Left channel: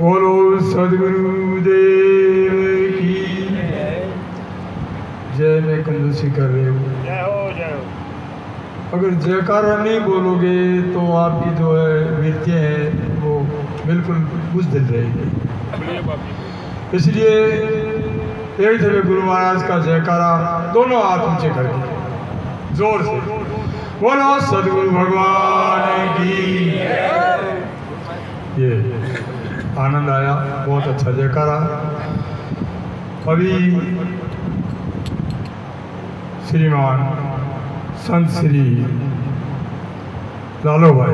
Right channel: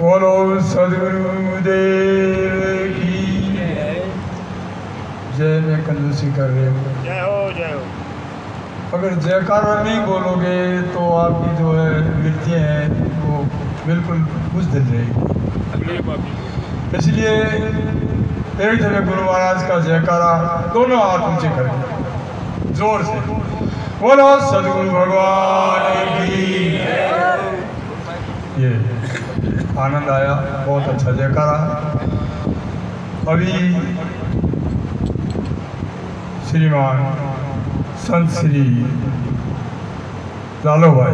बोलो सदगुरुदेव की जय। मैं कंजूसी कर रहे हो, जय हो जय हो। अगर जयकारा नहीं बोलोगे तो आपकी जो है नृत्य है वो बिल्कुल बुझदिल रहेगी। इसलिए एक जगह गुरु महाराज का जयकारा दोनों हाथ ऊंचे करके जोर से बोलो सदगुरु भगवान की। ये आनंद आया, बहुत अच्छा जयकारा। अभी श्रीमान संत श्री लालो भाई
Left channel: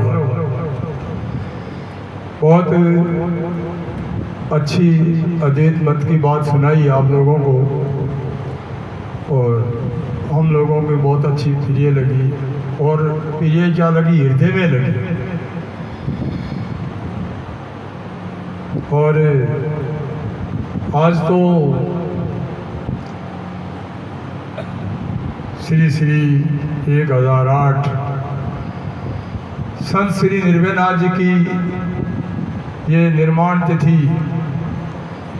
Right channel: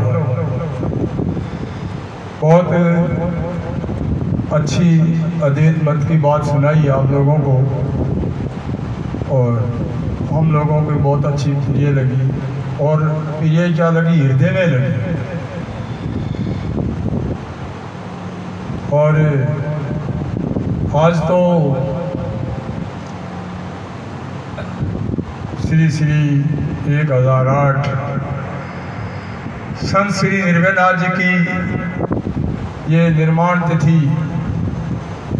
बहुत अच्छी अद्वैत मत की बात सुनाई आप लोगों को, और हम लोगों को बहुत अच्छी प्रिय लगी। और प्रिय क्या लगी, हृदय में लगी। और आज तो श्री श्री 1008 संत श्री निर्भयनाथ जी की ये निर्माण तिथि,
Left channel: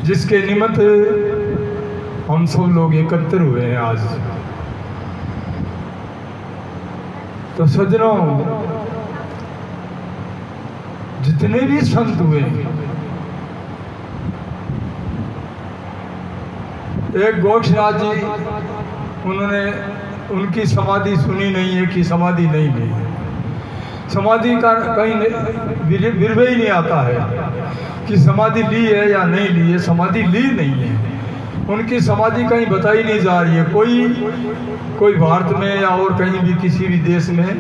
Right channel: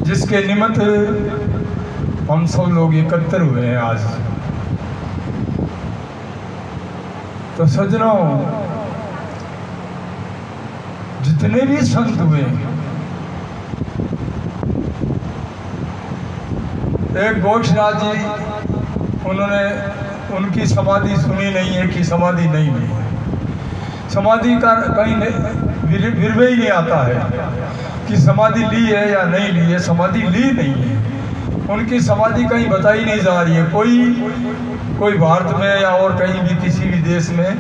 जिसके निमित्त हम सब लोग एकत्र हुए हैं आज। तो सज्जनों, जितने भी संत हुए, एक गोरक्षनाथ जी, उन्होंने उनकी समाधि सुनी नहीं है कि समाधि नहीं ली है। समाधि का कहीं विरवे ही नहीं आता है कि समाधि ली है या नहीं ली है। समाधि ली नहीं है, उनकी समाधि कहीं बताई नहीं जा रही है। कोई भारत में या और कहीं भी किसी भी देश में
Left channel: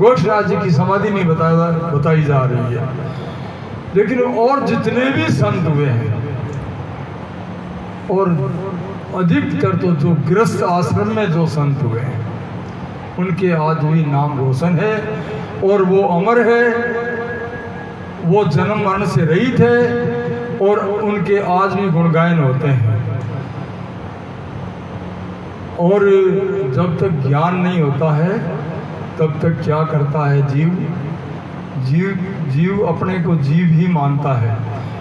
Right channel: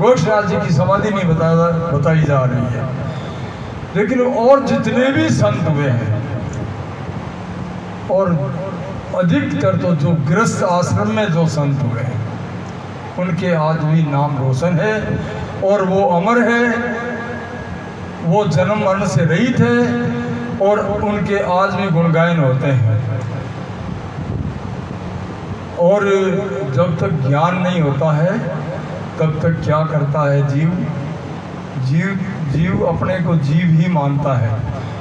गोरक्षनाथ जी की समाधि नहीं बताई जा रही है। लेकिन और जितने भी संत हुए हैं, और अधिकतर तो जो गृहस्थ आश्रम में जो संत हुए हैं, उनके आज भी नाम रोशन है और वो अमर है। वो जन्म मरण से रहित है और उनके आज भी गुणगायन होते हैं। और जब तक ज्ञान नहीं होता है तब तक क्या करता है जीव अपने को जीव ही मानता है।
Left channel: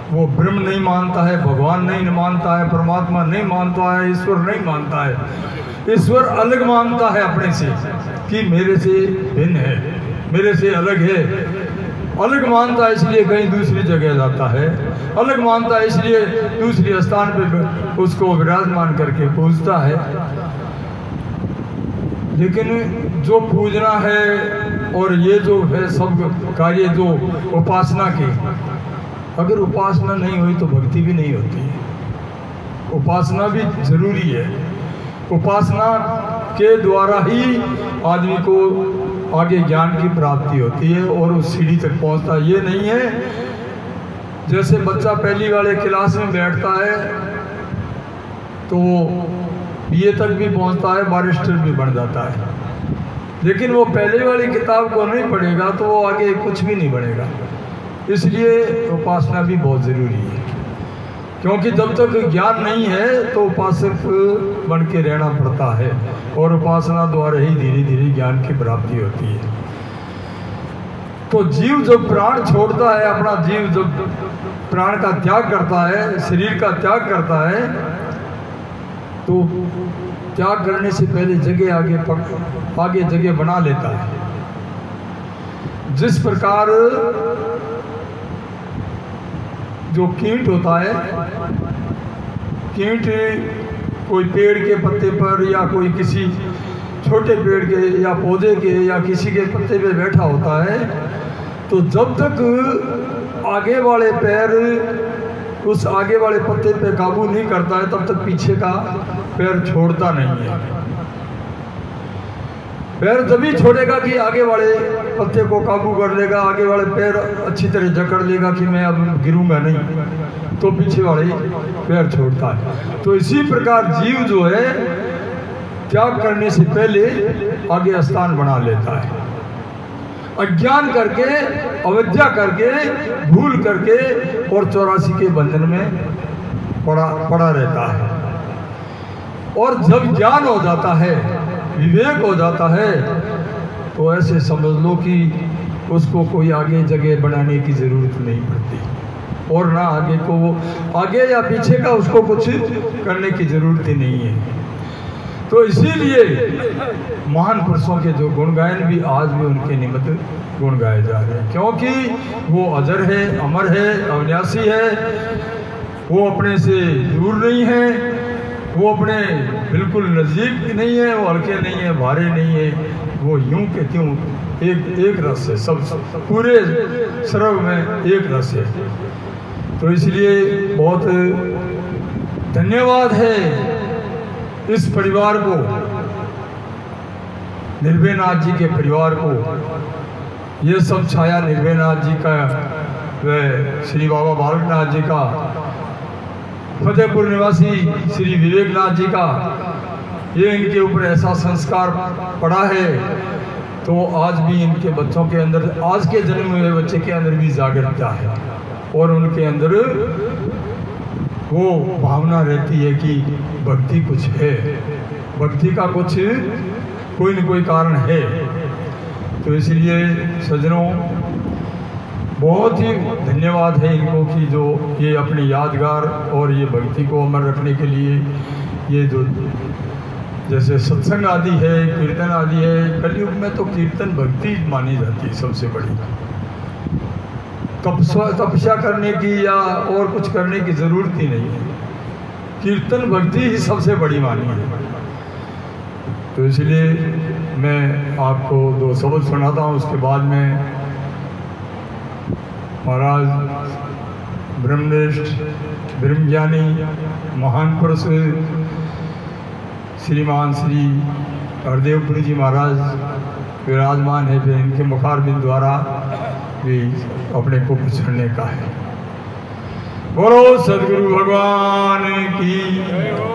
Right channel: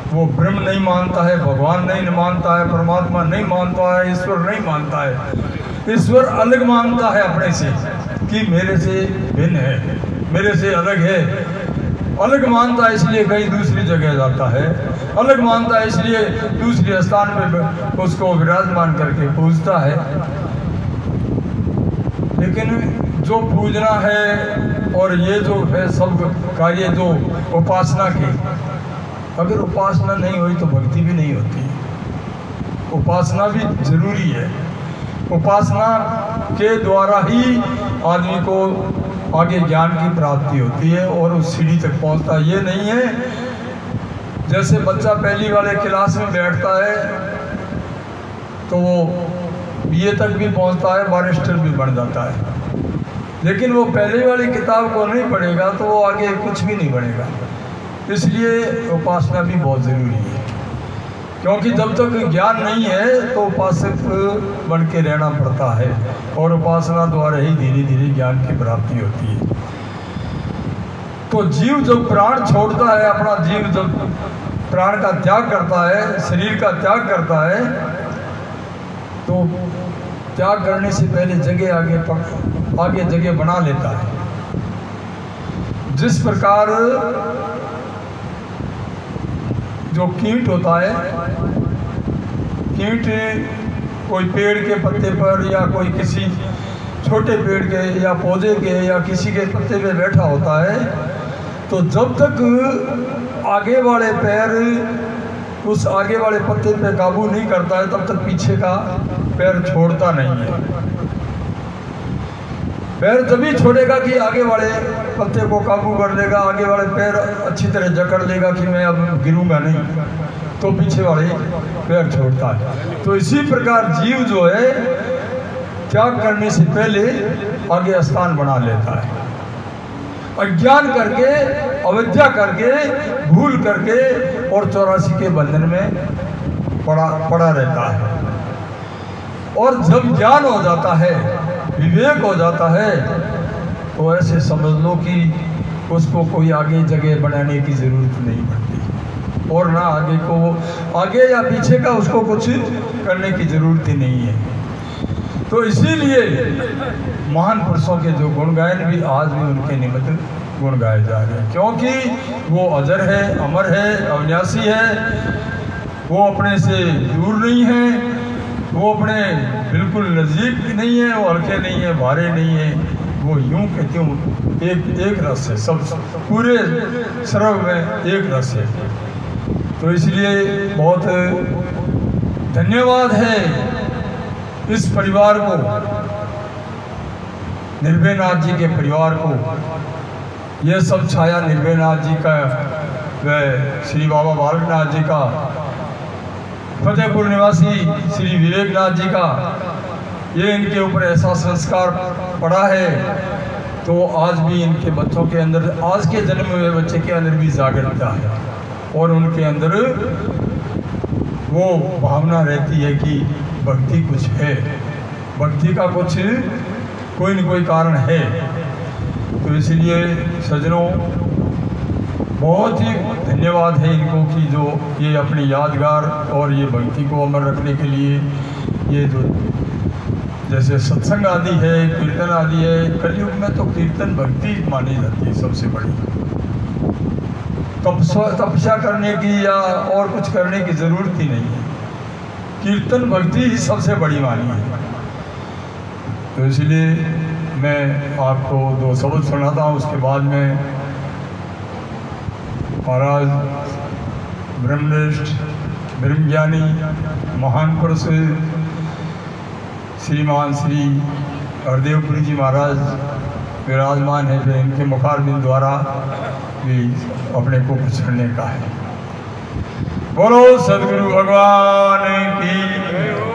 वो ब्रह्म नहीं मानता है, भगवान नहीं मानता है, परमात्मा नहीं मानता है, ईश्वर नहीं मानता है। ईश्वर अलग मानता है अपने से कि मेरे से भिन्न है, मेरे से अलग है। अलग मानता है इसलिए कहीं दूसरी जगह जाता है, अलग मानता है इसलिए दूसरे स्थान पे उसको विराजमान करके पूजता है। लेकिन जो पूजना है और ये जो है सब कार्य जो उपासना के, अगर उपासना नहीं हुई तो भक्ति भी नहीं होती। उपासना भी जरूरी है। उपासना के द्वारा ही आदमी को आगे ज्ञान की प्राप्ति होती है और उस सीढ़ी तक पहुंचता है। ये नहीं है जैसे बच्चा पहली वाले क्लास में बैठता है तो वो बीए तक भी पहुंचता है, बैरिस्टर भी बन जाता है, लेकिन वो पहले वाली किताब को नहीं पढ़ेगा तो वो आगे कुछ भी नहीं बनेगा। इसलिए उपासना भी बहुत ज़रूरी है, क्योंकि जब तक ज्ञान नहीं है तो उपासक बन के रहना पड़ता है और उपासना द्वारा ही धीरे धीरे ज्ञान की प्राप्ति होती है। तो जीव जब प्राण छोड़ता है, अपना जीव जब प्राण का त्याग करता है, शरीर का त्याग करता है, तो त्याग करने से पहले आगे जगह बना लेता है। जिस प्रकार जो कीट होता है, कीट कोई पेड़ के पत्ते पर या कोई किसी छोटे पेड़ के या पौधे के या किसी के पत्ते पे बैठा होता है, तो जब तक आगे वाले पैर उस आगे वाले पत्ते पे काबू नहीं करता है तब तक पीछे का पैर छोड़ता नहीं है। पैर जब ही छोड़ेगा कि आगे वाले पत्ते को काबू कर लेगा, आगे वाले पैर अच्छी तरह जकड़ लेगा कि मैं अब गिरूंगा नहीं, तो पीछे वाले पैर छोड़ता है। तो इसी प्रकार जीव जो है त्याग करने से पहले आगे स्थान बना लेता है। अज्ञान करके, अविद्या करके, भूल करके और 84 के बंधन में पड़ा रहता है। और जब ज्ञान हो जाता है, विवेक हो जाता है, तो ऐसे समझ लो कि उसको कोई आगे जगह बनाने की ज़रूरत नहीं पड़ती। और ना आगे को, आगे या पीछे का उसको कुछ करने की जरूरत ही नहीं है। तो इसीलिए महान पुरुषों के जो गुणगायन भी आज भी उनके निमित्त गुण गाए जा रहे हैं, क्योंकि वो अजर है, अमर है, अविनाशी है, वो अपने से दूर नहीं है, वो अपने बिल्कुल नज़दीक नहीं है, वो हल्के नहीं है, भारे नहीं है, वो यूं के त्यों एक रस है, सब पूरे सर्व में एक रस है। तो इसलिए बहुत धन्यवाद है इस परिवार को, निर्भयनाथ जी के परिवार को। ये सब छाया निर्भयनाथ जी का व श्री बाबा बालकनाथ जी का, फतेहपुर निवासी श्री विवेकनाथ जी का, ये इनके ऊपर ऐसा संस्कार पड़ा है। तो आज भी इनके बच्चों के अंदर, आज के जन्म हुए बच्चे के अंदर भी जागरूकता है और उनके अंदर वो भावना रहती है कि भक्ति कुछ है, भक्ति का कुछ कोई न कोई कारण है। तो इसलिए सज्जनों बहुत ही धन्यवाद है इनको कि जो ये अपने यादगार और ये भक्ति को अमर रखने के लिए ये जो जैसे सत्संग आदि है, कीर्तन आदि है, कलयुग में तो कीर्तन भक्ति मानी जाती है सबसे बड़ी। तपस्या करने की या और कुछ करने की जरूरत ही नहीं है, कीर्तन भक्ति ही सबसे बड़ी मानी है। तो इसलिए मैं आपको 2 शब्द सुनाता हूँ, उसके बाद में महाराज ब्रह्मनिष्ठ ब्रह्मज्ञानी महान पुरुष श्रीमान श्री हरदेवपुरी जी महाराज विराजमान है, फिर इनके मुखारबिंद द्वारा भी अपने को पछड़ने का है। बोलो सदगुरु भगवान की।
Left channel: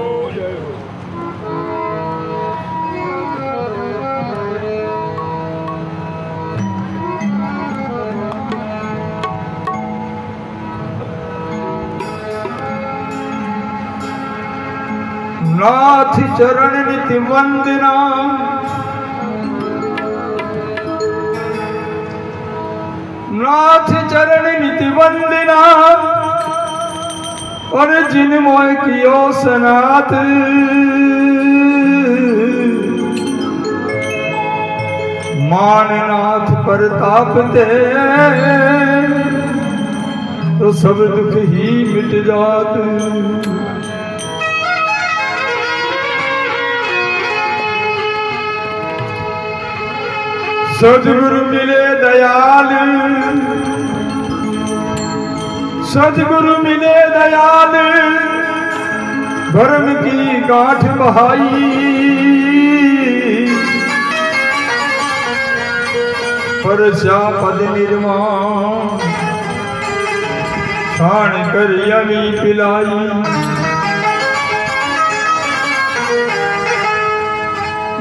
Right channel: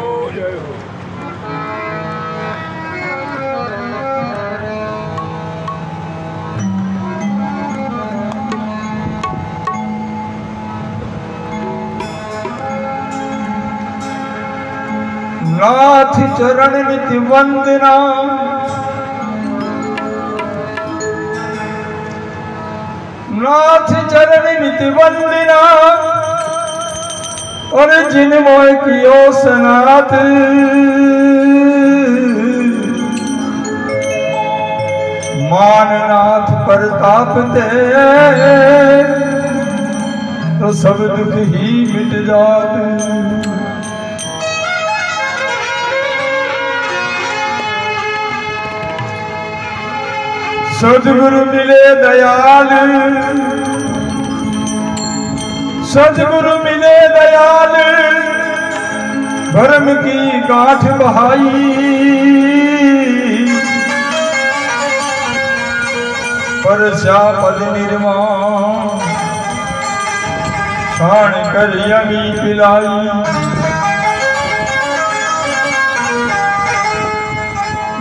नाथ चरण नित्य वंदना, नाथ चरण नित्य वंदना, और जिन मोय कियो सनाथ, माननाथ प्रताप ते, तो सब दुख ही मिट जात। सद्गुरु मिले दयाल, सद्गुरु मिले दयाल, भरम की गांठ बहाई, परस्या पद निर्माण, छाण कर यमी पिलाई।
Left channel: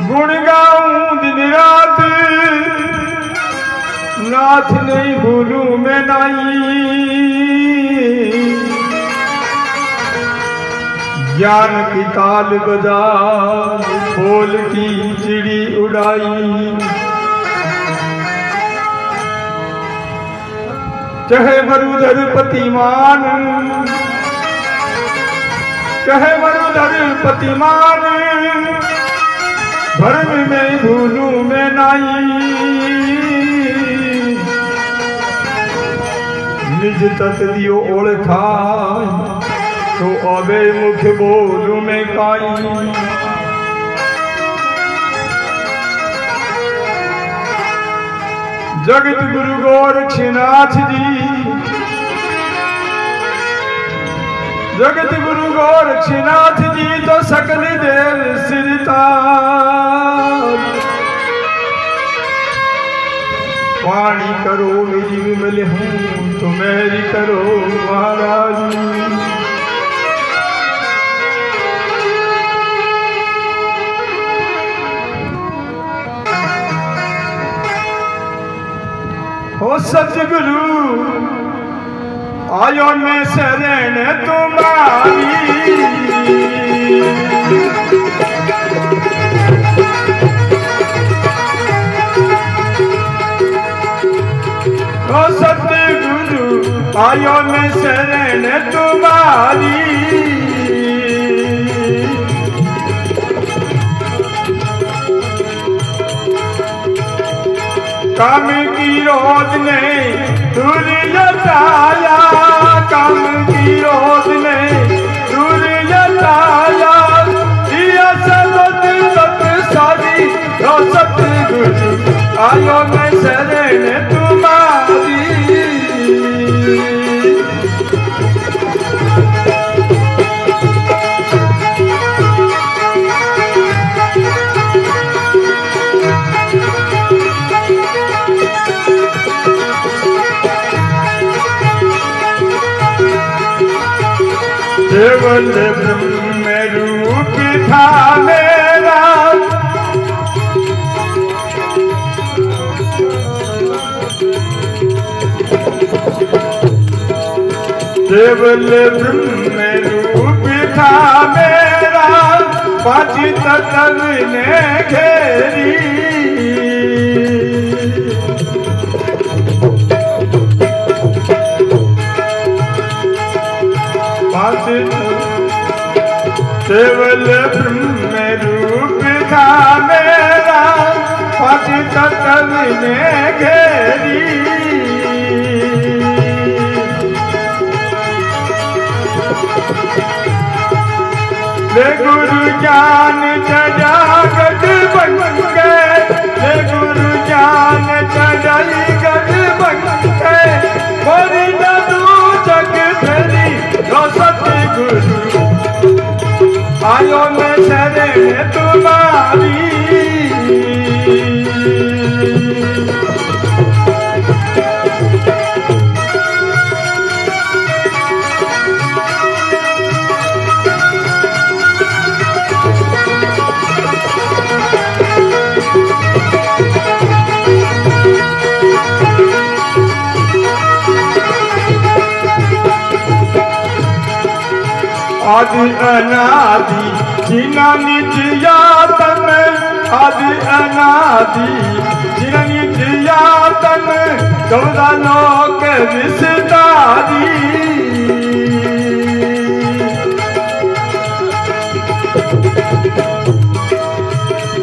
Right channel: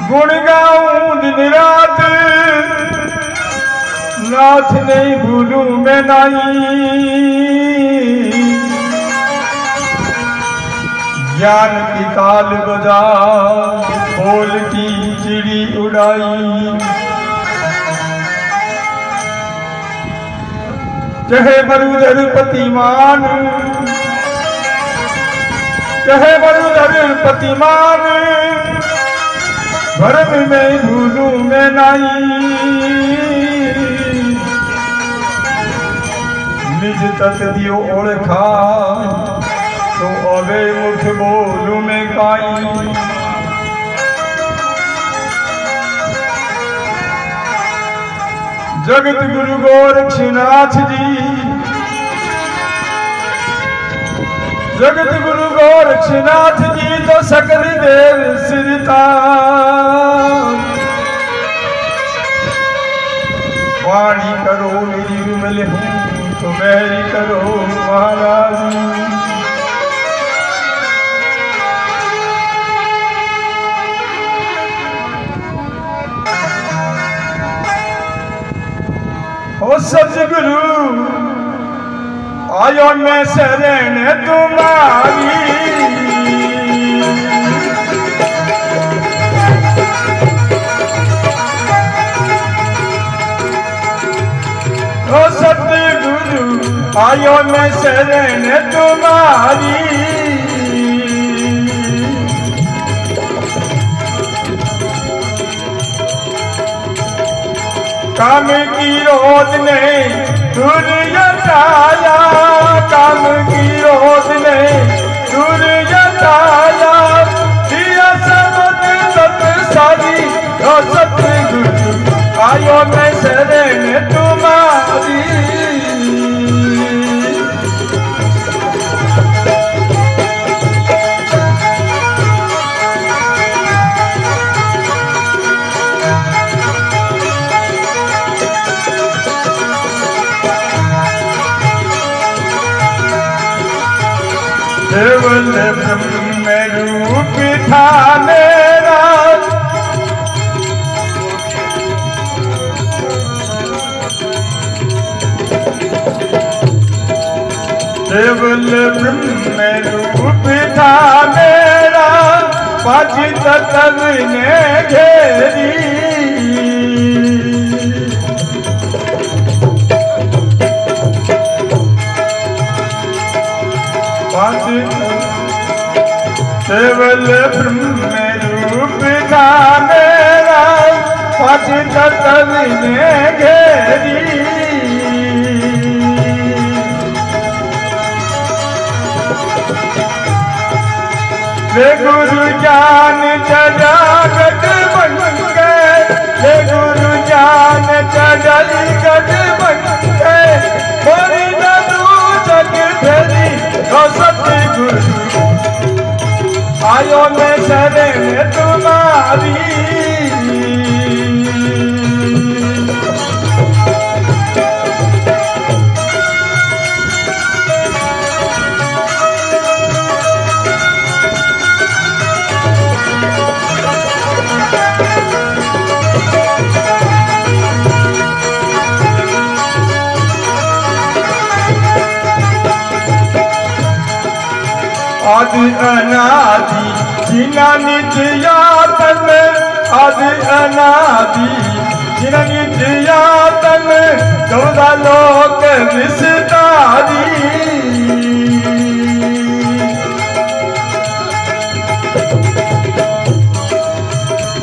गुण गाऊं दिन रात, नाथ नहीं भूलूं मैं नाई। ज्ञान की ताल बजा, बोल की चिड़ी उड़ाई। कहे मरुधर पतिमान, कहे मरुधर पतिमान, भरम में भूलूं मैं नाई। निज तत दियो ओळखा, तो अबे मुख बोलू में काई। जगत गुरु गोरक्षनाथ जी, जगत गुरु गोरक्षनाथ जी, तो सकल देव सिरता। वाणी करो मेरी विमल हूँ, तो मेरी करो महाराज। हो सतगुरु आयो मैं शरण तुम्हारी, हो सतगुरु गुरु आयो मैं शरण तुम्हारी। काम की रोध ने दूर हटाया, काम की रोध ने दूर हटाया, दिया सबद सत सारी रो सतगुरु आयो मैं शरण तुम्हारी। केवल ब्रह्म रूप था मेरा, केवल ब्रह्म रूप था मेरा, पांच तत्व ने घेरी। केवल ब्रह्म रूप था मेरा, पांच तत्व ने घेरी। ले गुरु ज्ञान जगत बन गए, ले गुरु ज्ञान जगत बन गए, बड़ी दू जग फेरी रो सतगुरु आयो मैं शरण तुम्हारी। आदि अनादि जिना निज यातन, आदि अनादि जिना निज यातन, 14 लोक विस्तारी।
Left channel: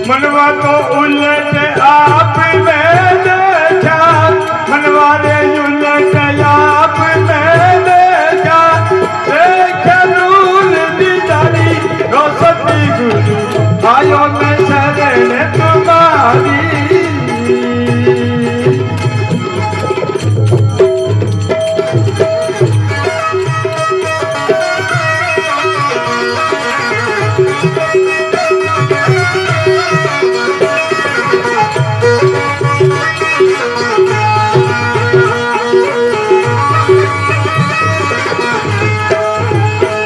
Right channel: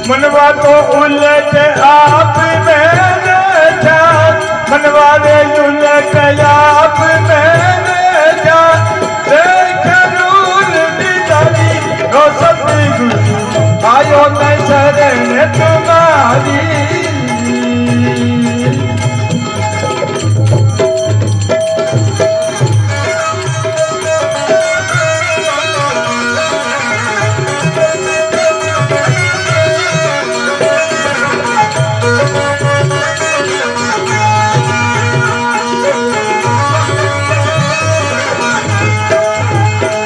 मनवा तो उलट आप में देखा, मनवा रे उलट आप में देखा, देखा रो सतगुरु आयो मैं शरण तुम्हारी।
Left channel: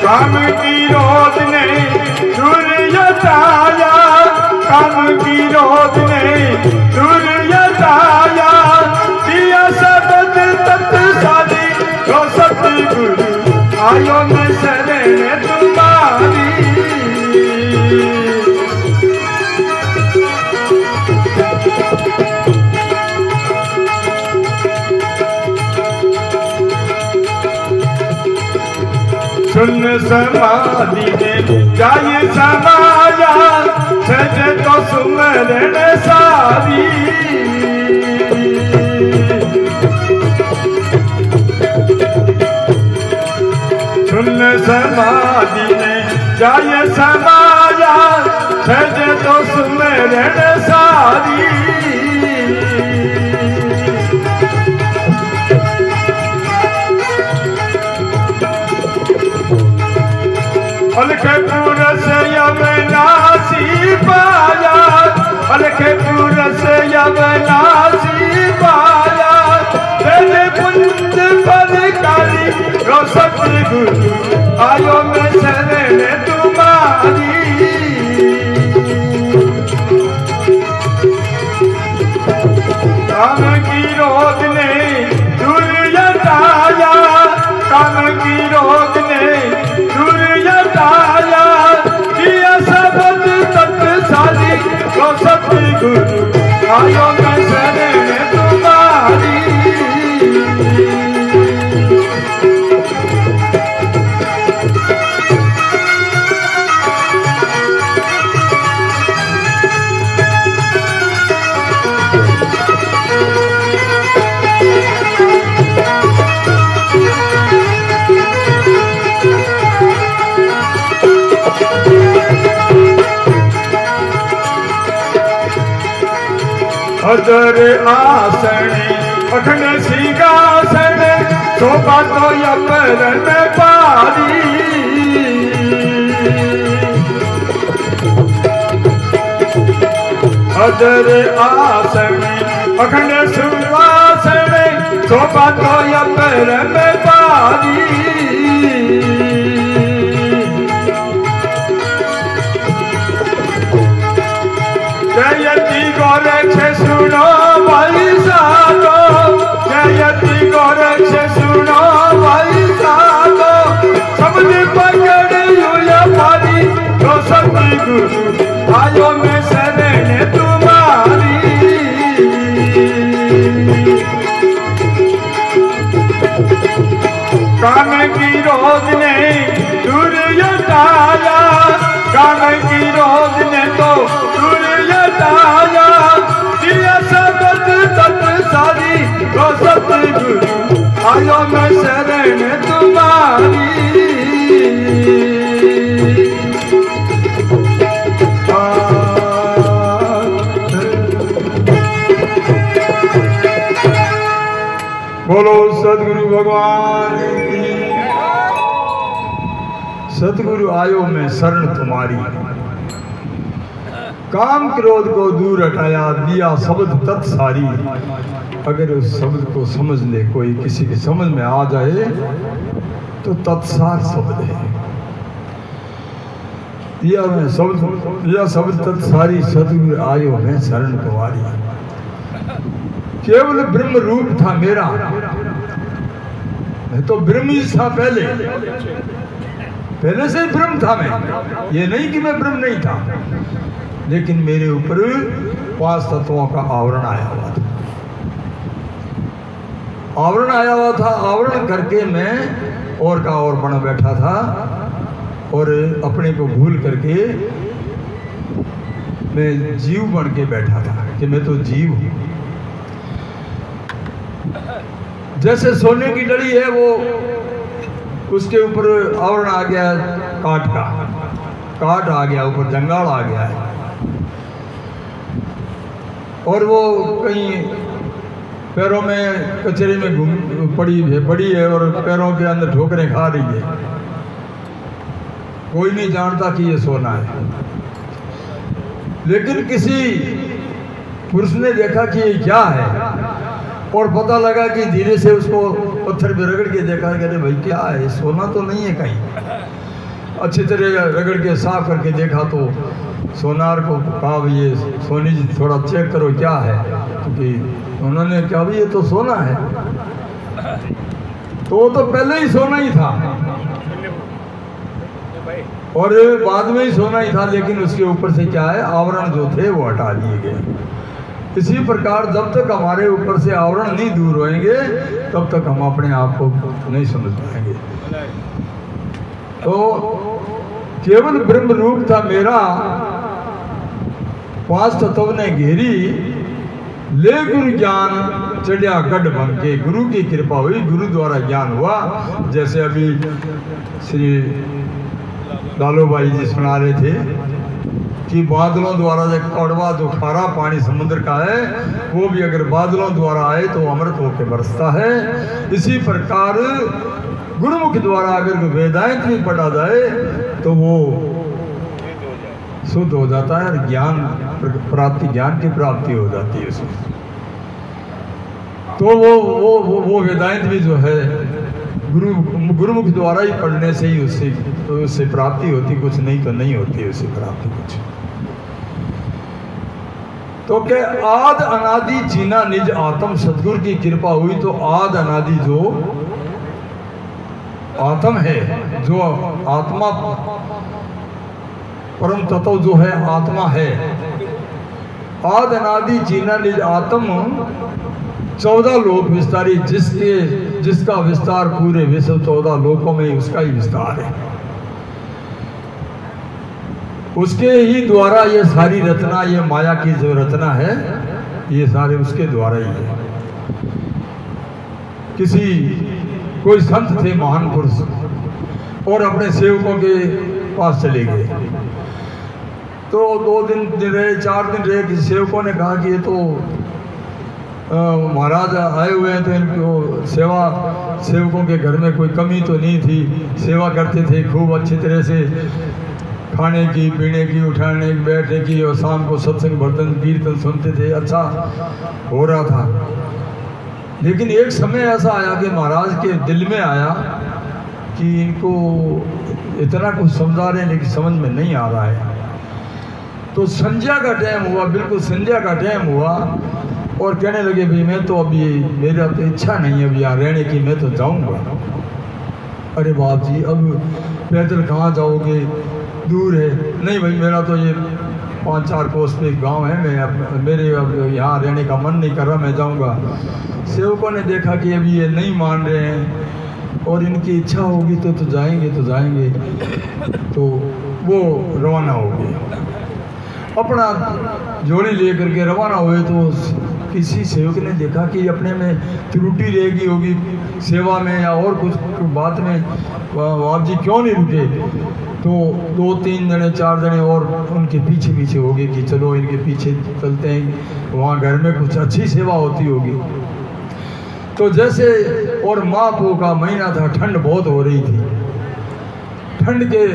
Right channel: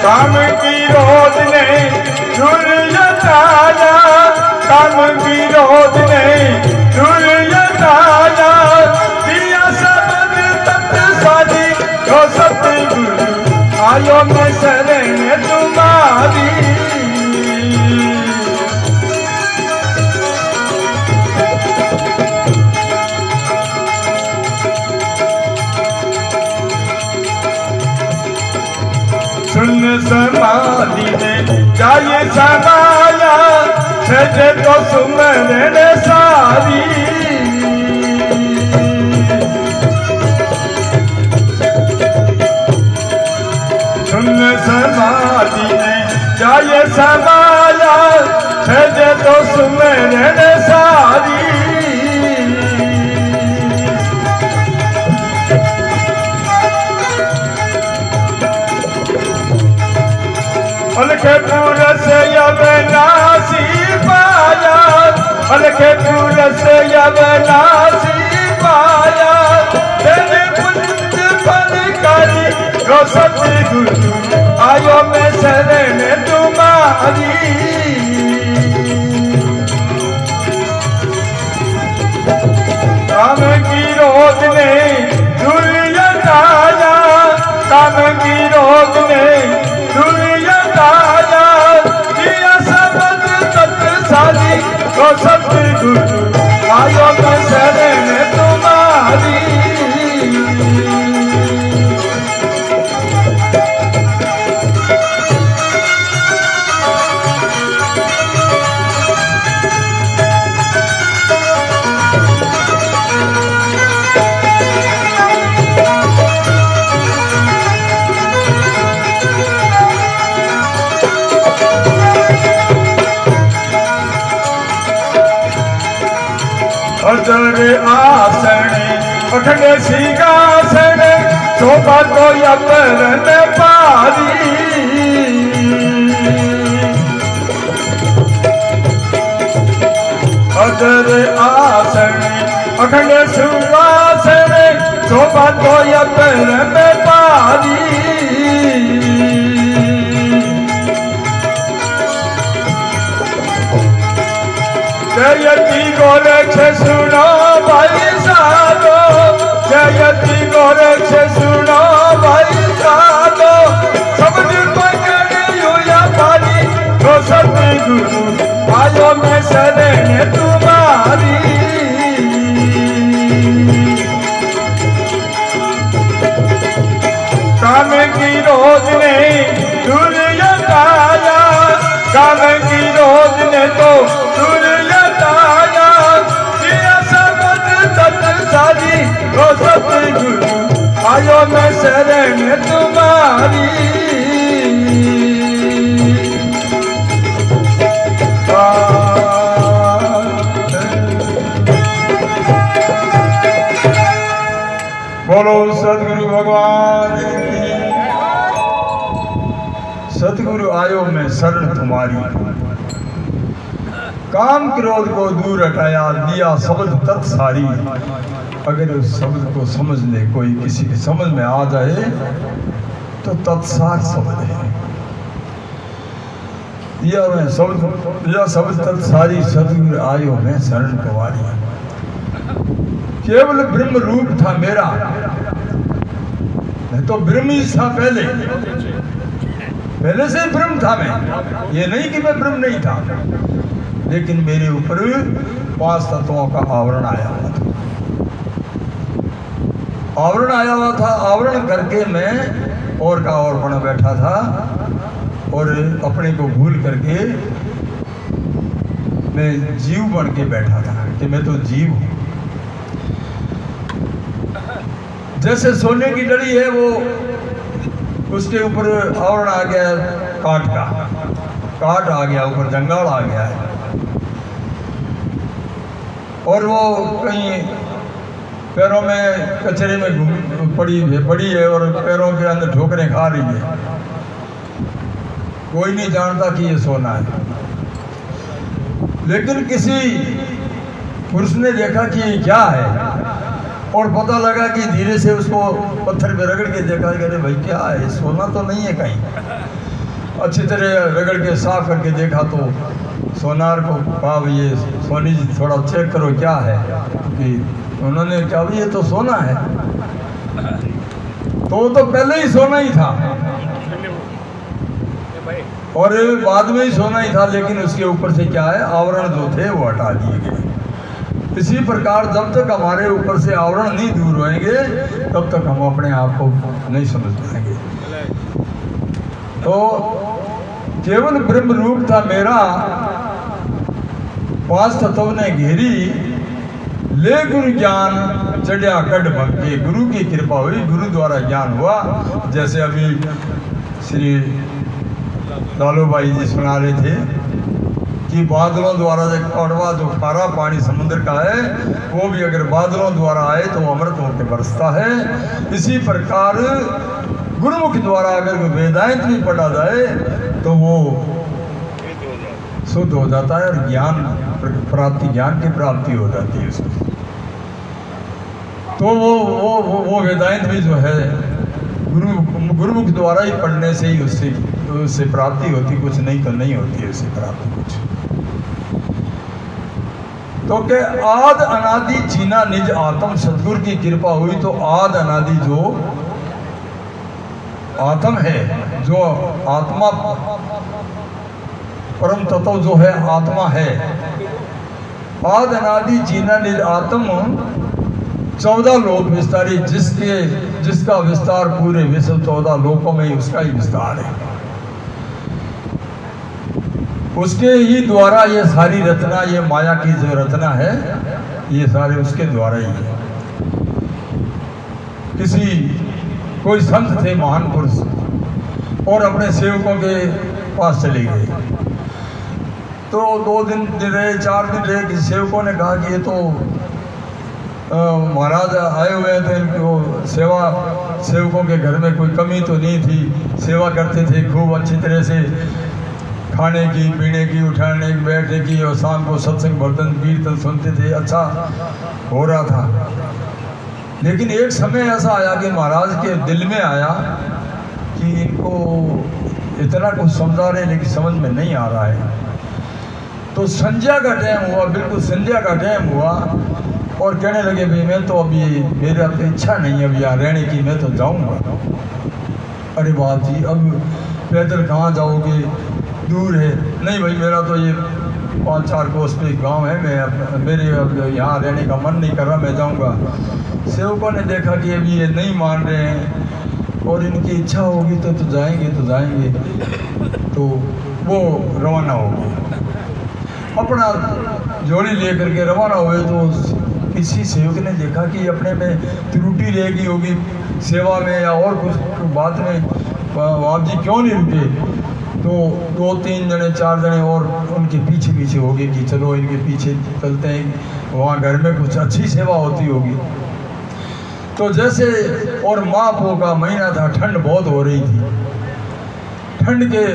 काम की रोध ने दूर हटाया, काम की रोध ने दूर हटाया, दिया सबद तत् सारी रो सतगुरु आयो मैं शरण तुम्हारी। सुन समाधि ने जाए समाया, सज तो सुमरन सारी। सुन समाधि ने जाए समाया, सज तो सुमरन सारी। अलखे पुरस अविनाशी पाया, अलखे पुरस अविनाशी पाया, तेरे पुंज बलकारी रो सतगुरु आयो मैं शरण तुम्हारी। काम की रोध ने दूर हटाया, काम की रोध ने दूर हटाया, दिया सबद तत् सारी रो सतगुरु आयो मैं शरण तुम्हारी। अदर आसन अखंड सिंहासन शोभा तो यतरन पारी अदर आसन अखंड सिंहासन शोभा तो यतरन पारी जयति गोरे छे सुनो भाई साधो जयति गोरे छे सुनो भाई साधो सबने पकड़े या पारी तो सतगुरु आयो में शरण तुम्हारी काम की रोज ने दूर हटाया काम की रोज ने तो दूर हटाया दिया सबद तत् सारी तो सतगुरु आयो मैं शरण तुम्हारी बोलो सतगुरु भगवान की। सतगुरु आयो मैं शरण तुम्हारी काम क्रोध को दूर हटाया दिया शब्द तत्सारी। अगर उस शब्द को समझ ले कोई किसी के समझ में आ जाए तो तत्सार शब्द है। यह शब्द तत्सारी सतगुरु आयो मैं शरण तुम्हारी। केवल ब्रह्म रूप था मेरा नहीं तो ब्रह्म ही था पहले से ही ब्रह्म था मैं। ये नहीं कि मैं ब्रह्म नहीं था लेकिन मेरे ऊपर 5 तत्वों का आवरण आया हुआ था। आवरण करके मैं और का और बना बैठा था और अपने को भूल करके मैं जीव बन के बैठा था कि मैं तो जीव हूं। जैसे सोने की डली है वो उसके ऊपर आवरण आ गया काट आ गया ऊपर जंगाल आ गया है और वो कहीं पैरों में कचरे में पड़ी है और पैरों के अंदर ठोकरें खा रही है। कोई नहीं जानता कि ये सोना है लेकिन किसी पुरुष ने देखा कि ये क्या है और पता लगा कि धीरे से उसको पत्थर पे रगड़ के देखा कि अरे भाई क्या है सोना तो नहीं है कहीं। अच्छी तरह रगड़ के साफ करके देखा तो सोनार को कहा भाई ये सोनी जी थोड़ा चेक करो क्या है क्योंकि उन्होंने कहा भाई ये तो सोना है तो वो तो पहले ही सोना ही था और बाद में ही सोना ही था लेकिन उसके ऊपर से क्या है आवरण जो थे वो हटा दिए गए। इसी प्रकार जब तक हमारे ऊपर से आवरण नहीं दूर होंगे तब तक हम अपने आप को नहीं समझ पाएंगे। तो केवल ब्रह्म रूप था मेरा 5 तत्व ने घेरी ले गुरु ज्ञान चढ़िया गढ़ भंगे। गुरु की कृपा हुई गुरु द्वारा ज्ञान हुआ। जैसे अभी श्री लालू भाई जी सुना रहे थे कि बादलों द्वारा जो कड़वा जो खारा पानी समुद्र का है वो भी अगर बादलों द्वारा आए तो अमृत होकर बरसता है। इसी प्रकार गुरुमुख द्वारा अगर वेदांत भी पढ़ा जाए तो वो शुद्ध हो जाता है और ज्ञान की प्राप्ति हो जाती है उसमें। तो वो वेदांत भी जो है गुरुमुख द्वारा ही पढ़ने से ही उससे प्राप्ति होती, कुछ नहीं तो नहीं होती है उससे प्राप्ति कुछ। तो के आद अनादि जीना निज आत्म सतगुरु की कृपा हुई तो आद अनादि जो आत्म है जो आत्मा परम तत्व जो है आत्मा है आद अनादि जीना निज आत्म 14 लोक विस्तारी जिसका विस्तार पूरे विश्व 14 लोकों में उसका ही विस्तार है। उसके ही द्वारा ये सारी रचना ये माया की जो रचना है ये सारे उसके द्वारा ही है। कोई संत थे महान पुरुष और अपने सेवकों के पास चले गए तो 2 दिन रहे 4 दिन रहे। किसी सेवकों ने कहा कि ये तो महाराज आए हुए हैं तो इनको सेवकों के घर में कोई कमी तो नहीं थी, सेवा करते थे खूब अच्छी तरह से, खाने की, पीने की, उठाने की, बैठने की, और शाम को सत्संग भजन कीर्तन सुनते थे, अच्छा हो रहा था। लेकिन एक समय ऐसा आया कि महाराज के दिल में आया कि इनको इतना कुछ समझा रहे हैं लेकिन समझ में नहीं आ रहा है। तो संध्या का टाइम हुआ, बिल्कुल संध्या का टाइम हुआ, और कहने लगे भाई मैं तो अभी, मेरा तो इच्छा नहीं है अभी यहाँ रहने की, मैं तो जाऊँगा। अरे बाप जी, अब पैदल कहाँ जाओगे, दूर है। नहीं भाई, मेरा तो ये 5-4 कोस पे गांव है, मेरे अब यहाँ रहने का मन नहीं कर रहा, मैं जाऊँगा। सेवकों ने देखा कि अभी ये नहीं मान रहे हैं और इनकी इच्छा होगी तो जाएंगे, तो वो रवाना हो गए, अपना जोड़ी लेकर के रवाना हुए। तो किसी सेवक ने देखा कि अपने में त्रुटि रह गई होगी सेवा में या और कुछ बात में, आप जी क्यों नहीं रुके। तो 2-3 जने 4 जने और उनके पीछे हो गए कि चलो इनके पीछे चलते हैं, वहाँ घर में कुछ अच्छी सेवा होती होगी। तो जैसे, और महापो का महीना था, ठंड बहुत हो रही थी। ठंड के,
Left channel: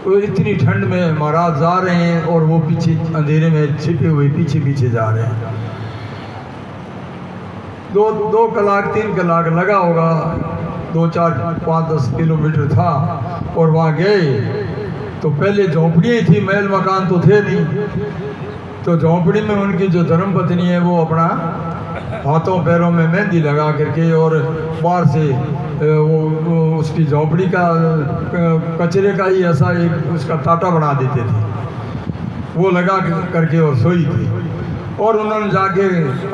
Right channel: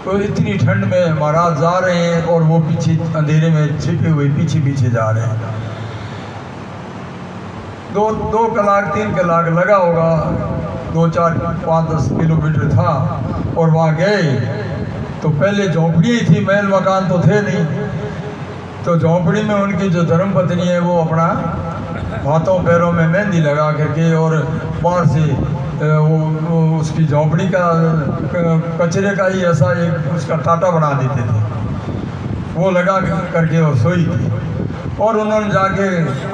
तो इतनी ठंड में महाराज जा रहे हैं और वो पीछे अंधेरे में छिपे हुए पीछे जा रहे हैं। 2 कलाक 3 कलाक लगा होगा, 2-4-5-10 किलोमीटर था। और वहाँ गए तो पहले झोंपड़ियाँ थी, महल मकान तो थे नहीं। तो झोंपड़ी में उनकी जो धर्मपत्नी है वो अपना हाथों पैरों में मेहंदी लगा करके, और बाहर से वो उसकी झोंपड़ी का कचरे का ही ऐसा एक उसका टाटा बना देते थे, वो लगा करके वो सोई थी। और उन्होंने जाके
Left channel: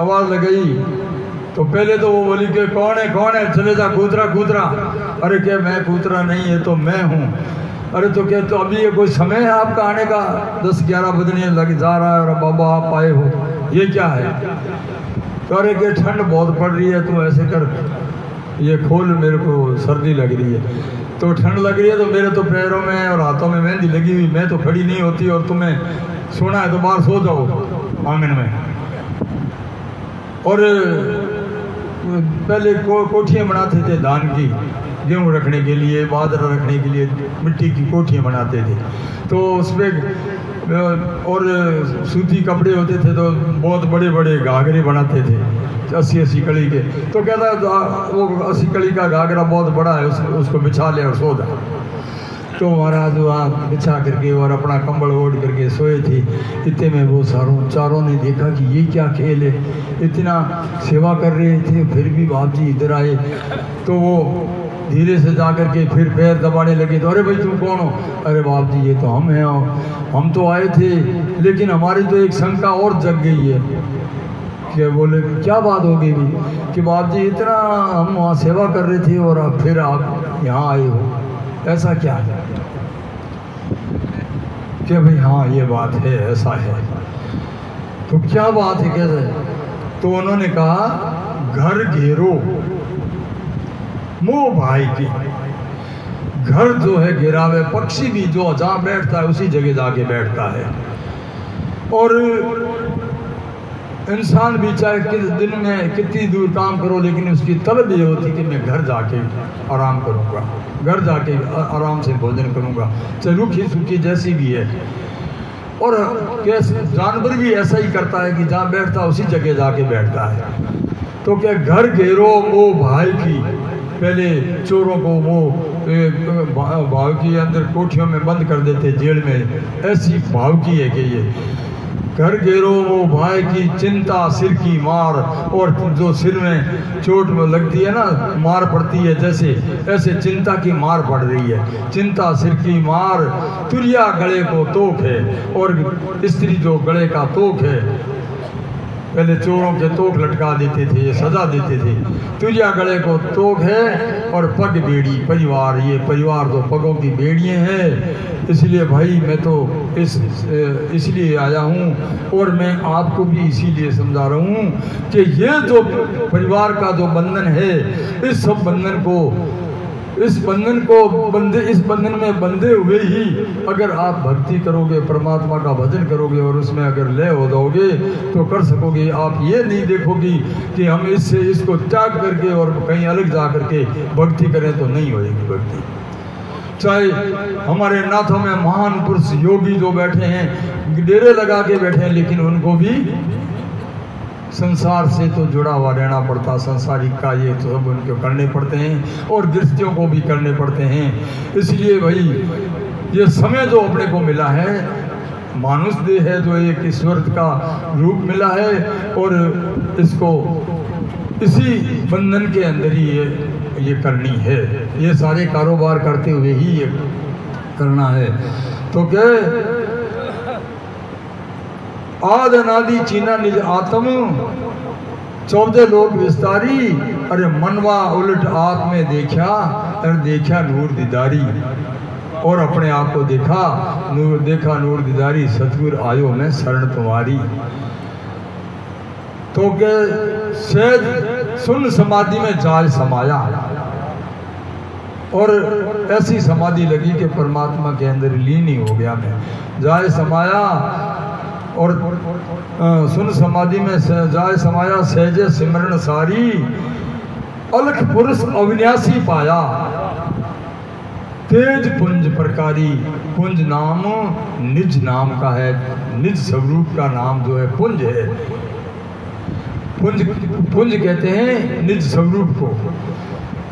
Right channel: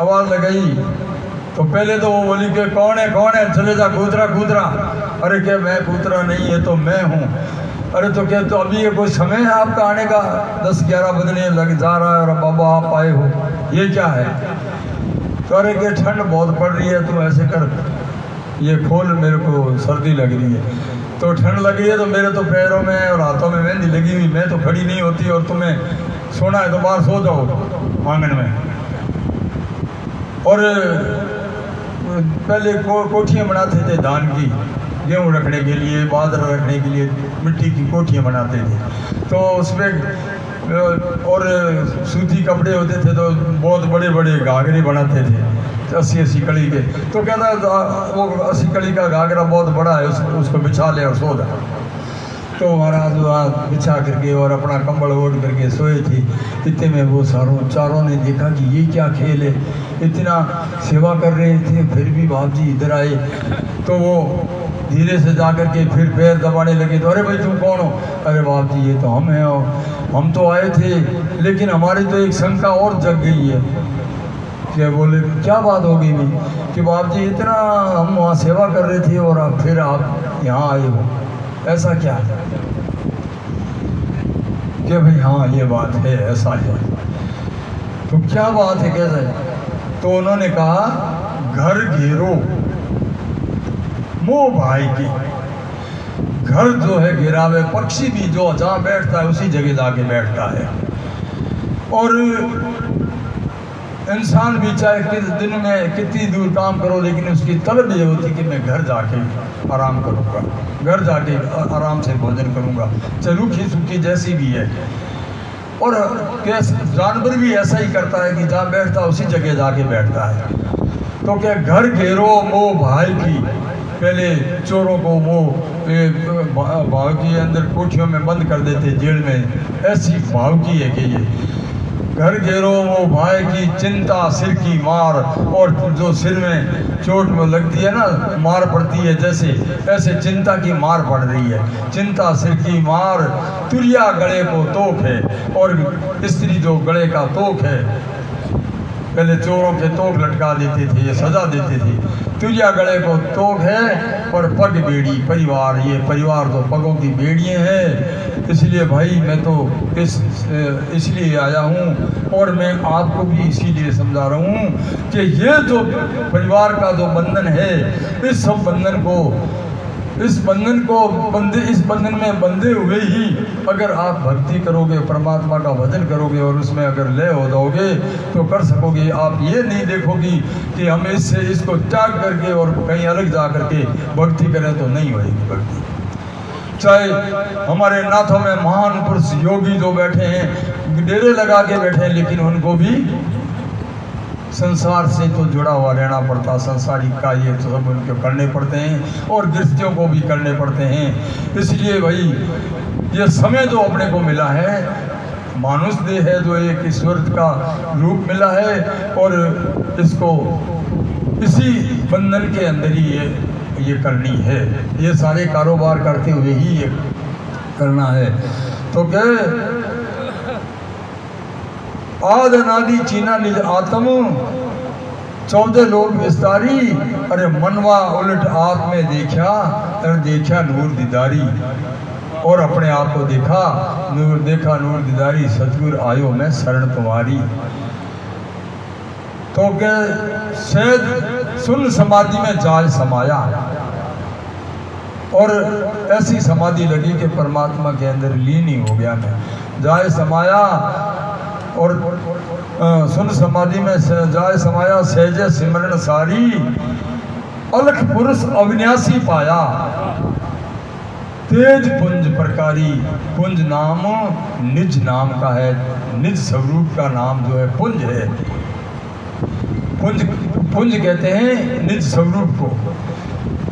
आवाज़ लगाई तो पहले तो वो बोली कि कौन है, चले जा, कूतरा। अरे क्या मैं कूतरा नहीं है तो मैं हूँ। अरे तो क्या, तो अभी ये कोई समय है आपका आने का, 10-11 बजने लग जा रहा है और बाबा आप आए हो, ये क्या है। तो अरे कि ठंड बहुत पड़ रही है, तुम ऐसे कर, ये खोल, मेरे को सर्दी लग रही है। तो ठंड लग रही है तो मेरे तो पैरों में और हाथों में मेहंदी लगी हुई, मैं तो खड़ी नहीं होती, और तुम्हें सोना है तो बाहर सो जाओ आंगन में। और पहले कोठियाँ बनाते थे धान की, गेहूँ रखने के लिए, बाजरा रखने के लिए मिट्टी की कोठियाँ बनाते थे। तो उसमें और सूती कपड़े होते थे, तो बहुत बड़े बड़े घाघरे बनाते थे 80 कड़ी के। तो कहता वो 80 कड़ी का घाघरा बहुत बड़ा है, उसको बिछा ले और सो जाए। तो महाराज वहाँ बिछा करके और अपना कंबल ओढ़ करके सोए थे। इतने में वो चारों ने देखा कि ये क्या खेल है, इतना सेवा कर रहे थे फिर भी बाप जी इधर आए। तो वो धीरे से जा करके फिर पैर दबाने लगे। तो अरे भाई तुम कौन हो। अरे बाप जी ये तो हम हैं, हम तो आए थे, लेकिन हमारी तो एक शंका और जग गई है। क्या बोले, क्या बात हो गई कि बाप जी इतना हम वहाँ सेवा कर रहे थे और अब फिर आप यहाँ आए हो, ऐसा क्या है। क्या भाई हाँ ये बात है, ऐसा है। तो क्या बात है, कैसे। तो उन्होंने कहा घर घेरो मोह भाई की। घर जो है घेरावे, पक्षी भी जो जहाँ बैठता है उसी जगह जाके बैठता है। और इंसान भी चाहे किस दिन में कितनी दूर काम करो, लेकिन उसकी तलब ये होती कि मैं घर जाके आराम करूँगा, घर जाके आराम से भोजन करूँगा, चाहे रूखी सूखी जैसी भी है। और जानवर भी ऐसा ही करता है कि जहाँ बैठता है उसी जगह जाके बैठता है। तो क्या घर घेरो मोह भाई की। पहले चोरों को वो भाव की अंदर कोठियों में बंद कर देते, जेल में। ऐसी भाव की है कि ये घर घेरो वो भाई की, चिंता सिर की मार। और जो सिर में चोट में लगती है ना, मार पड़ती है, जैसे ऐसे चिंता की मार पड़ रही है। चिंता सिर की मार, तुरिया गले को तोक है। और स्त्री जो गले का तोक है, पहले चोरों के तोक लटका देते थे, ये सजा देते थे। तुरिया गले को तोक है और पग बेड़ी परिवार, ये परिवार तो पगों की बेड़ियाँ हैं। इसलिए भाई मैं तो इसलिए आया हूँ, और मैं आपको भी इसीलिए समझा रहा हूँ कि ये जो परिवार का जो बंधन है, इस सब बंधन को इस बंधन में बंधे हुए ही अगर आप भक्ति करोगे, परमात्मा का भजन करोगे और उसमें अगर लय हो जाओगे तो कर सकोगे। आप ये नहीं देखोगे कि हम इसको त्याग करके और कहीं अलग जा करके भक्ति करें तो नहीं होगी भक्ति। चाहे हमारे नाथों में महान पुरुष योगी जो बैठे हैं, डेरे लगा के बैठे हैं, लेकिन उनको भी संसार से तो जुड़ा हुआ रहना पड़ता, संसारिक कार्य तो सब उनको करने पड़ते हैं और गृहस्थियों को भी करने पड़ते हैं। इसलिए भाई ये समय जो अपने को मिला है, मानुष देह है जो एक ईश्वर का रूप मिला है और इसको इसी बंधन के अंदर ही ये करनी है। ये सारे कारोबार करते हुए ही ये करना है। तो क्या आद अनादि चीना निज आत्म 14 लोग विस्तारी, अरे मनवा उलट आप में देखा, अरे देखा नूर दीदारी, और अपने आप को देखा नूर दीदारी, सतगुर आयो में शरण तुम्हारी। तो के शायद सुन समाधि में जाल समाया और ऐसी समाधि लगी कि परमात्मा के अंदर लीन ही हो गया। मैं जाए समाया और सुन समाधि में जाए समाया, सहजे सिमरन सारी, अलख पुरुष अविनाशी पाया, तेज पुंज प्रकारी। पुंज नाम निज नाम का है, निज स्वरूप का नाम जो है पुंज है। पुंज कहते हैं निज स्वरूप को।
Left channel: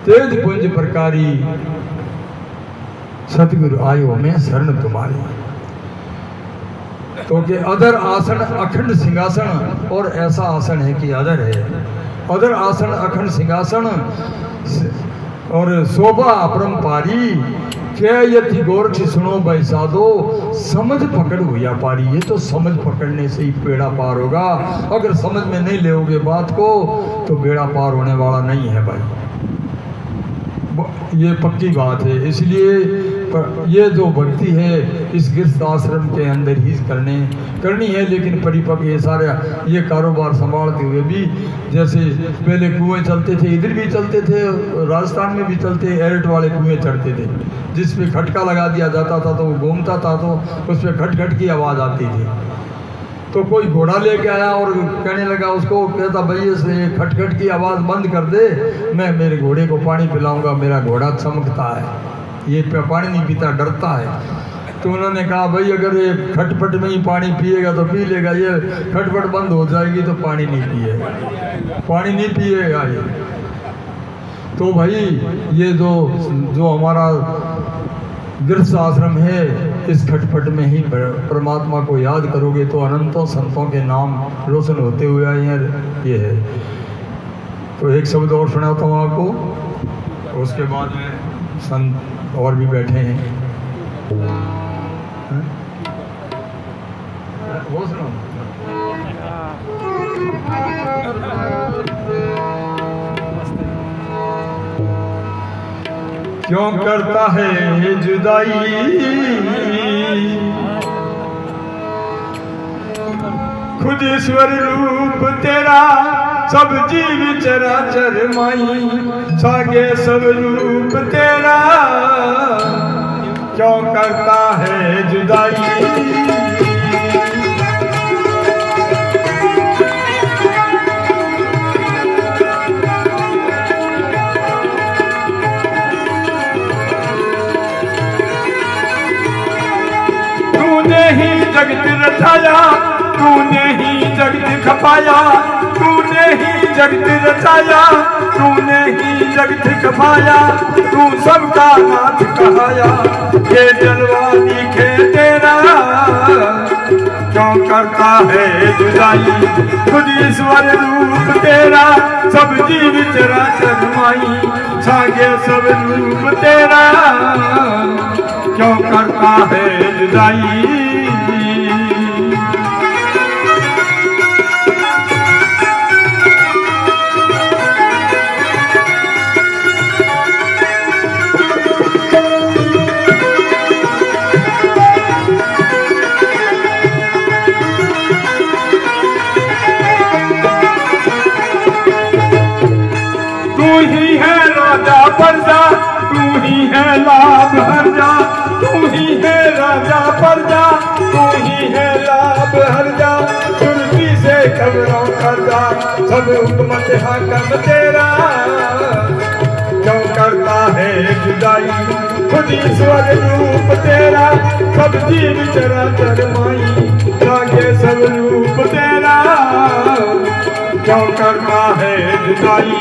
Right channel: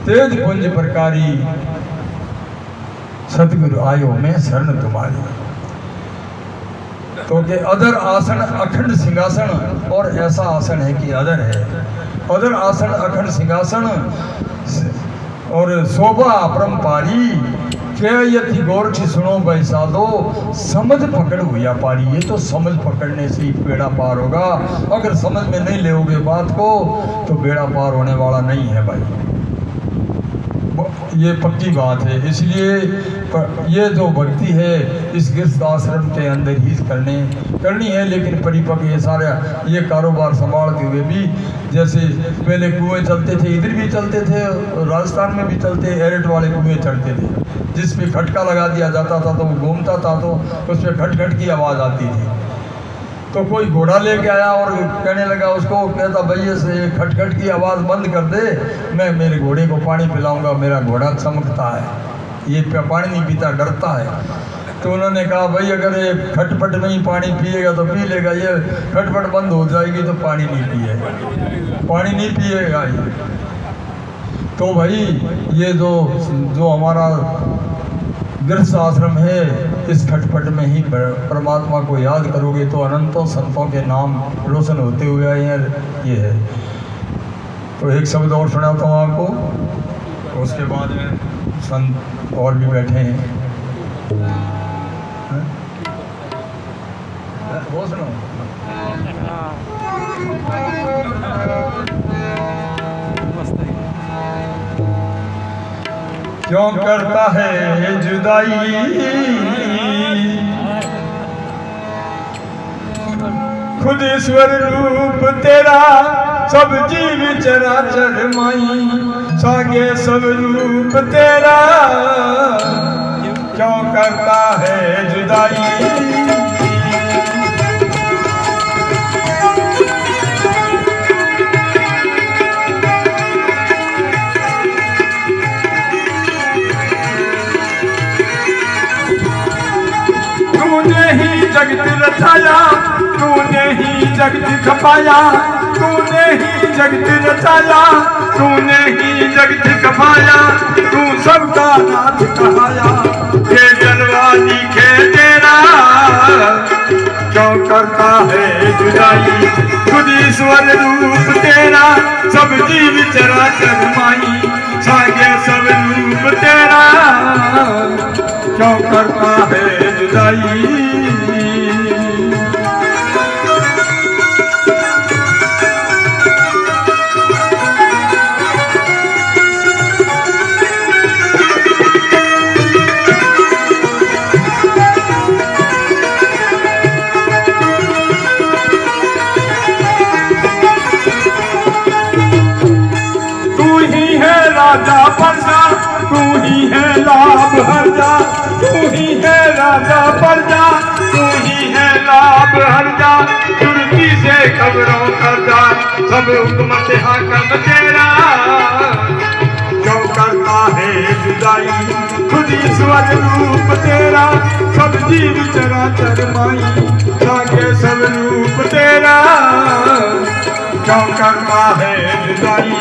तेज पुंज प्रकारी, सतगुरु आयो में शरण तुम्हारी। तो कि अदर आसन अखंड सिंहासन, और ऐसा आसन है कि अदर है, अदर आसन अखंड सिंहासन और शोभा अपरंपारी, क्या यति गौर सुनो बैसा दो, समझ पकड़ हुआ पारी। ये तो समझ पकड़ने से ही बेड़ा पार होगा। अगर समझ में नहीं लेओगे बात को तो बेड़ा पार होने वाला नहीं है भाई, ये पक्की बात है। इसलिए ये जो भक्ति है इस गृहस्थ आश्रम के अंदर ही करनी है, लेकिन परिपक्व ये सारे ये कारोबार संभालते हुए भी, जैसे पहले कुएं चलते थे, इधर भी चलते थे, राजस्थान में भी चलते, एरट वाले कुएं चढ़ते थे, जिस पे खटका लगा दिया जाता था तो वो घूमता था तो उस पर खट खट की आवाज़ आती थी। तो कोई घोड़ा लेके आया और कहने लगा उसको, कहता भैया से खटखट की आवाज़ बंद कर दे, मैं मेरे घोड़े को पानी पिलाऊंगा, मेरा घोड़ा चमकता है, ये पानी नहीं पीता, डरता है। तो उन्होंने कहा भाई अगर ये खटपट में ही पानी पिएगा तो पी लेगा, ये खटपट बंद हो जाएगी तो पानी नहीं पिएगा ये। तो भाई ये जो हमारा गृहस्थ आश्रम है, इस खटपट में ही परमात्मा को याद करोगे तो अनंतों संतों के नाम रोशन होते हुए आए हैं। ये है। तो एक शब्द और सुनाता हूँ आपको, उसके बाद में संत और भी बैठे हैं, वो सुनो। क्यों करता है जुदाई खुद ईश्वर रूप तेरा, सब जीव चराचर माई, सागे सब रूप तेरा, क्यों करता है जुदाई। जगत रचाया तूने ही जगत खपाया, तूने ही जगत रचाया तूने ही जगत खपाया, तू सबका नाथ कहाया, ये जलवा दिखे तेरा, क्यों करता है जुदाई। खुद ईश्वर रूप तेरा, सब जीव चराचर माई, सागे सब रूप तेरा, क्यों करता है जुदाई। तू खबरों करता सब हुकूमत हाकम तेरा। क्यों करता है जुदाई खुद ईश्वर रूप तेरा, सब जीव चराचर माई लागे सब रूप तेरा। क्यों करता है जुदाई।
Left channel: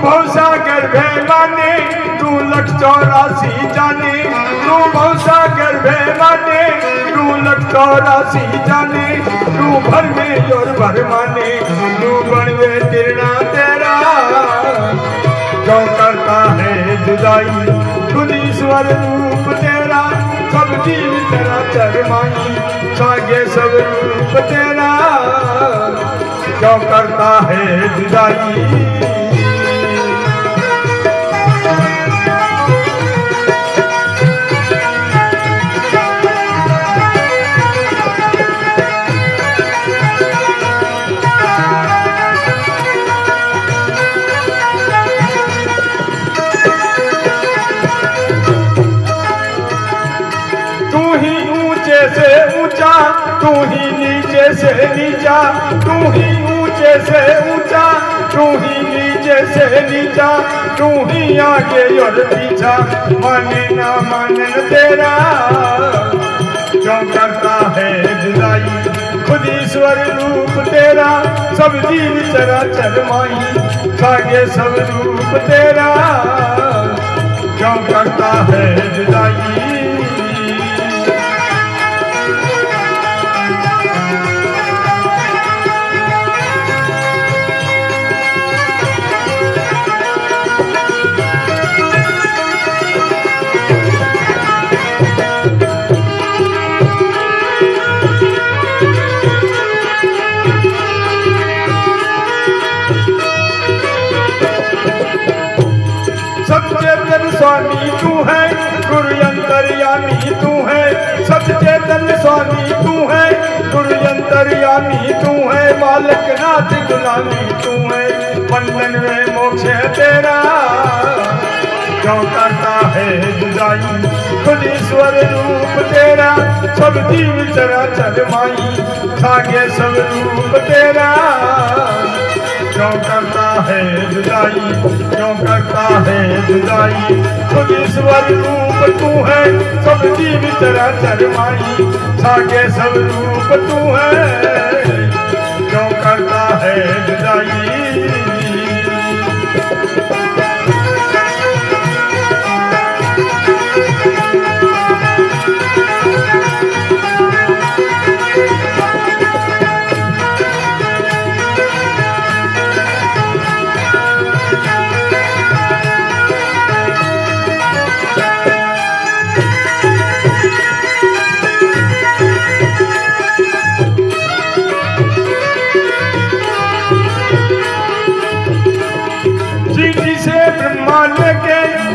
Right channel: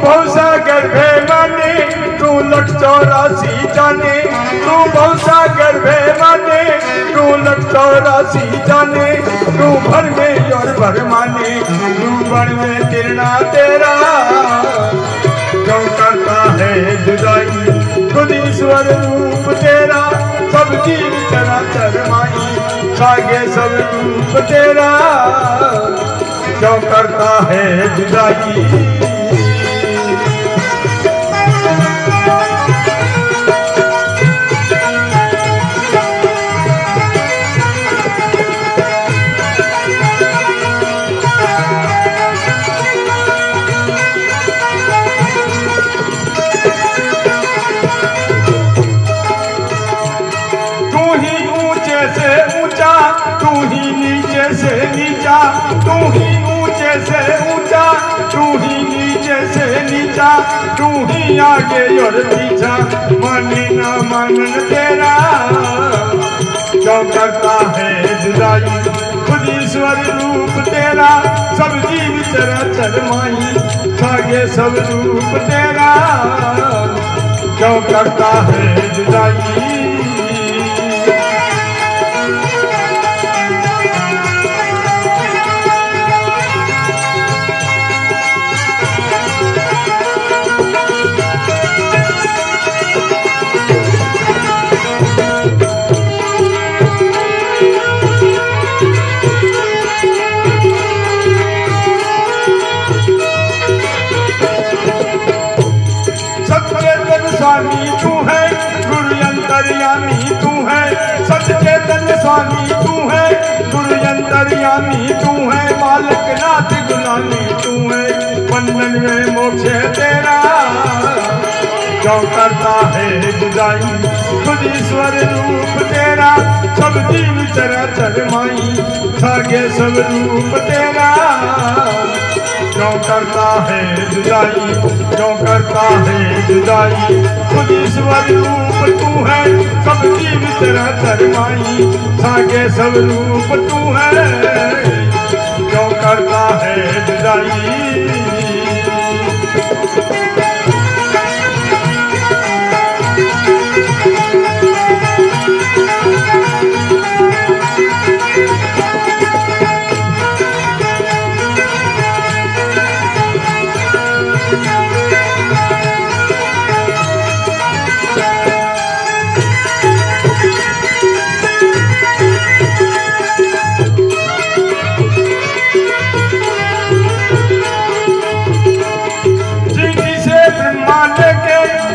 भवसागर माने तू 184 जाने, तू भवसागर माने तू 184 जाने, तू भर में और भर माने तू बड़ में तिरना तेरा। क्यों करता है जुदाई खुद ईश्वर रूप तेरा, सब जीव चराचर माई छागे सब रूप तेरा। क्यों करता है जुदाई। से ऊंचा तू ही नीचे से नीचा, तू ही ऊंचे से ऊंचा तू ही नीचे से नीचा, तू ही आगे और पीछा माने ना माने तेरा। क्यों करता है जुदाई खुद ईश्वर रूप तेरा, सब जीव चराचर माई छागे सब रूप तेरा। क्यों करता है जुदाई। स्वामी तू है गुरु अंतर्यामी तू है, सचेतन स्वामी तू है गुरु अंतर्यामी तू है, बालक नाथ गुलामी तू है बंधन में मोक्ष तेरा। क्यों करता है जुदाई खुद ईश्वर रूप तेरा, सब जीव चराचर माई छागे सब रूप तेरा। क्यों करता है जुदाई, क्यों करता है जुदाई खुद ईश्वर रूप तू है, सब जीव चराचर माई छागे सब रूप तू है। क्यों करता है जुदाई।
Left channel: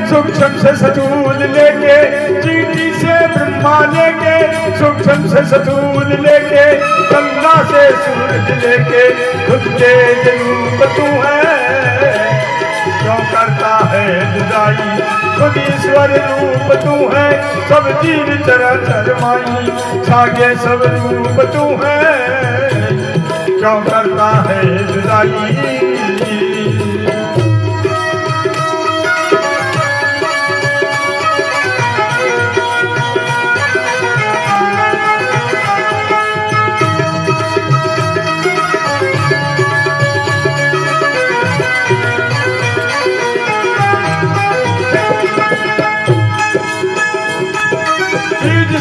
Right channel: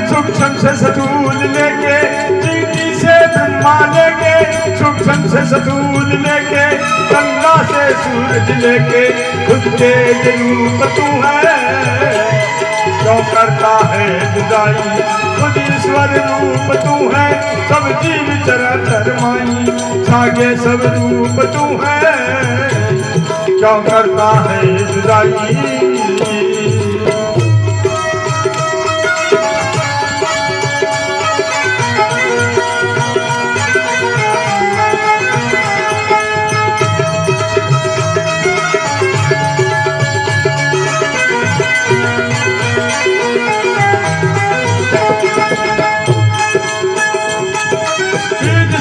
सूक्ष्म से सतूल लेके, चीटी से ब्रह्मा लेके, सूक्ष्म से सतूल लेके, गंगा से सूरज लेके, खुद तेज रूप तू है। क्यों करता है जुदाई खुद ईश्वर रूप तू है, सब जीव चराचर माई छागे सब रूप तू है। क्यों करता है जुदाई।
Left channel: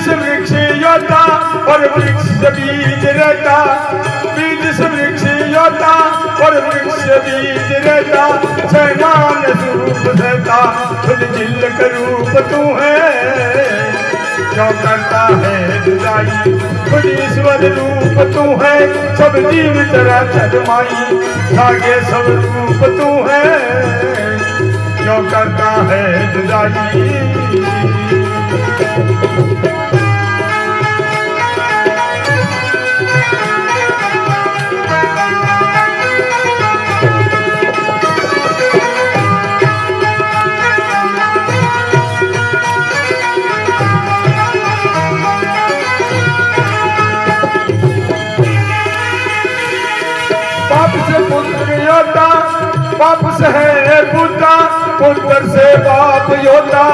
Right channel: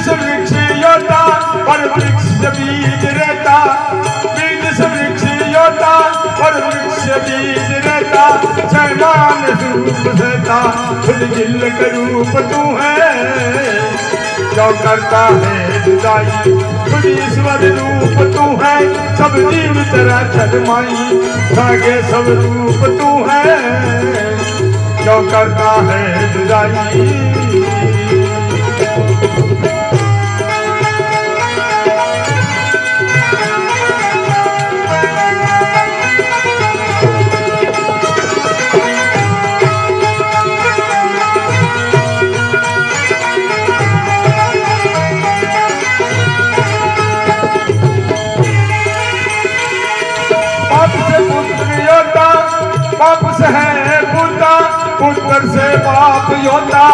वृक्ष योता और वृक्ष बीज रहता, बीज से वृक्ष योता और वृक्ष बीज रहता, सैनान स्वरूप रहता खुद जिल का रूप तू है। क्यों करता है जुदाई, खुद ईश्वर रूप तू है, सब जीव चराचर माई, जागे सब रूप तू है, क्यों करता है जुदाई। बाप से है पुता, पुत्र से बाप योता,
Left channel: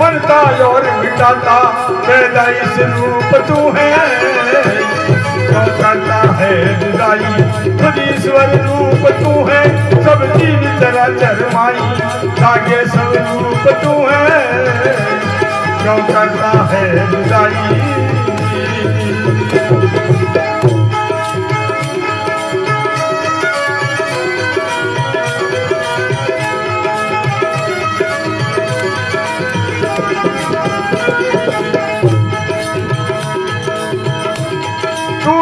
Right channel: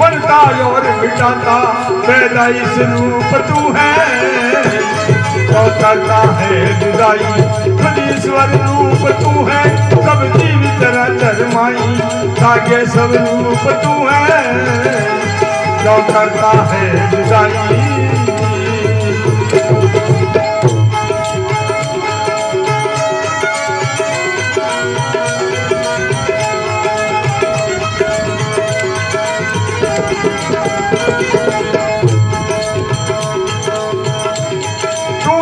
बनता और मिटाता पैदाइश रूप तू है, क्यों करता है जुदाई। खुद ईश्वर रूप तू है, सब जीव चराचर माई, जागे सब रूप तू है, क्यों करता है जुदाई।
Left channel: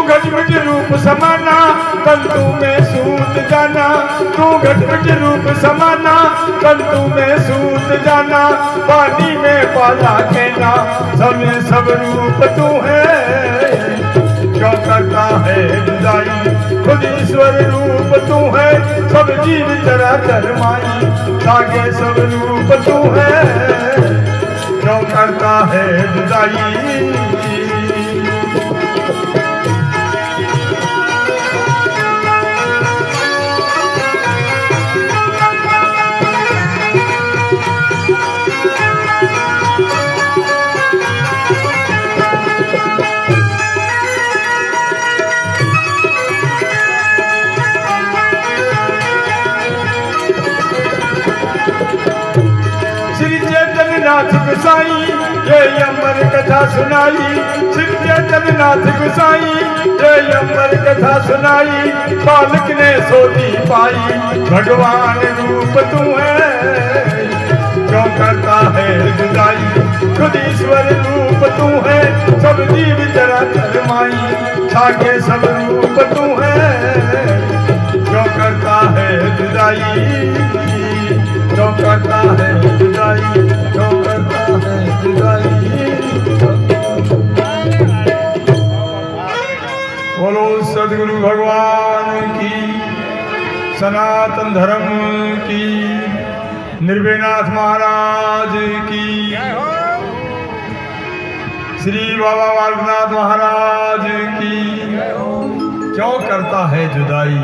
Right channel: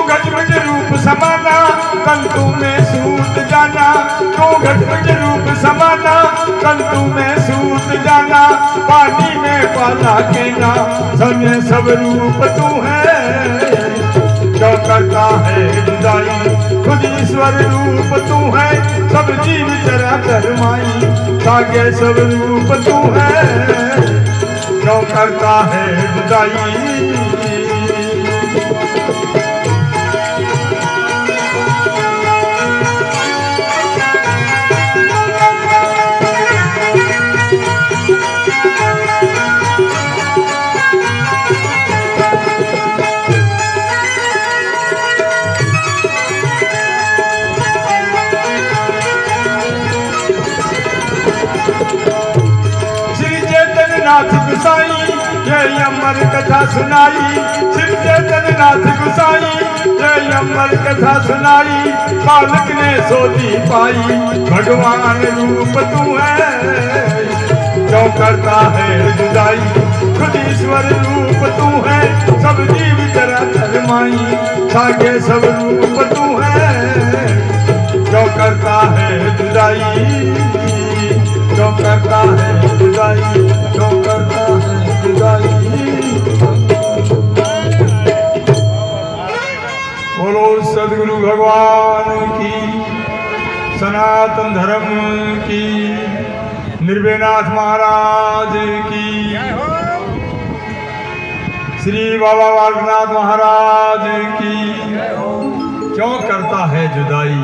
घट रूप समाना, तंतु में सूत जाना, तू घट रूप समाना, तंतु में सूत जाना, पानी में पाला कहना, समय सब रूप तू है, क्यों करता है जुदाई। खुद ईश्वर रूप तू है, सब जीव चराचर माई, जागे सब रूप तू है, क्यों करता है जुदाई। गुसाई ये अमर कथा सुनाई, श्री चैतन्यनाथ गुसाई ये अमर कथा सुनाई, बालक ने सोती पाई, भगवान रूप तू है, क्यों करता है जुदाई। खुद ईश्वर रूप तू है, सब जीव चराचर माई, जागे सब रूप तू है, क्यों करता है जुदाई, क्यों करता है जुदाई, क्यों करता है जुदाई। बोलो सद्गुरु भगवान की, सनातन धर्म की, निर्भयनाथ महाराज की, श्री बाबा बालकनाथ महाराज की। क्यों करता है जुदाई,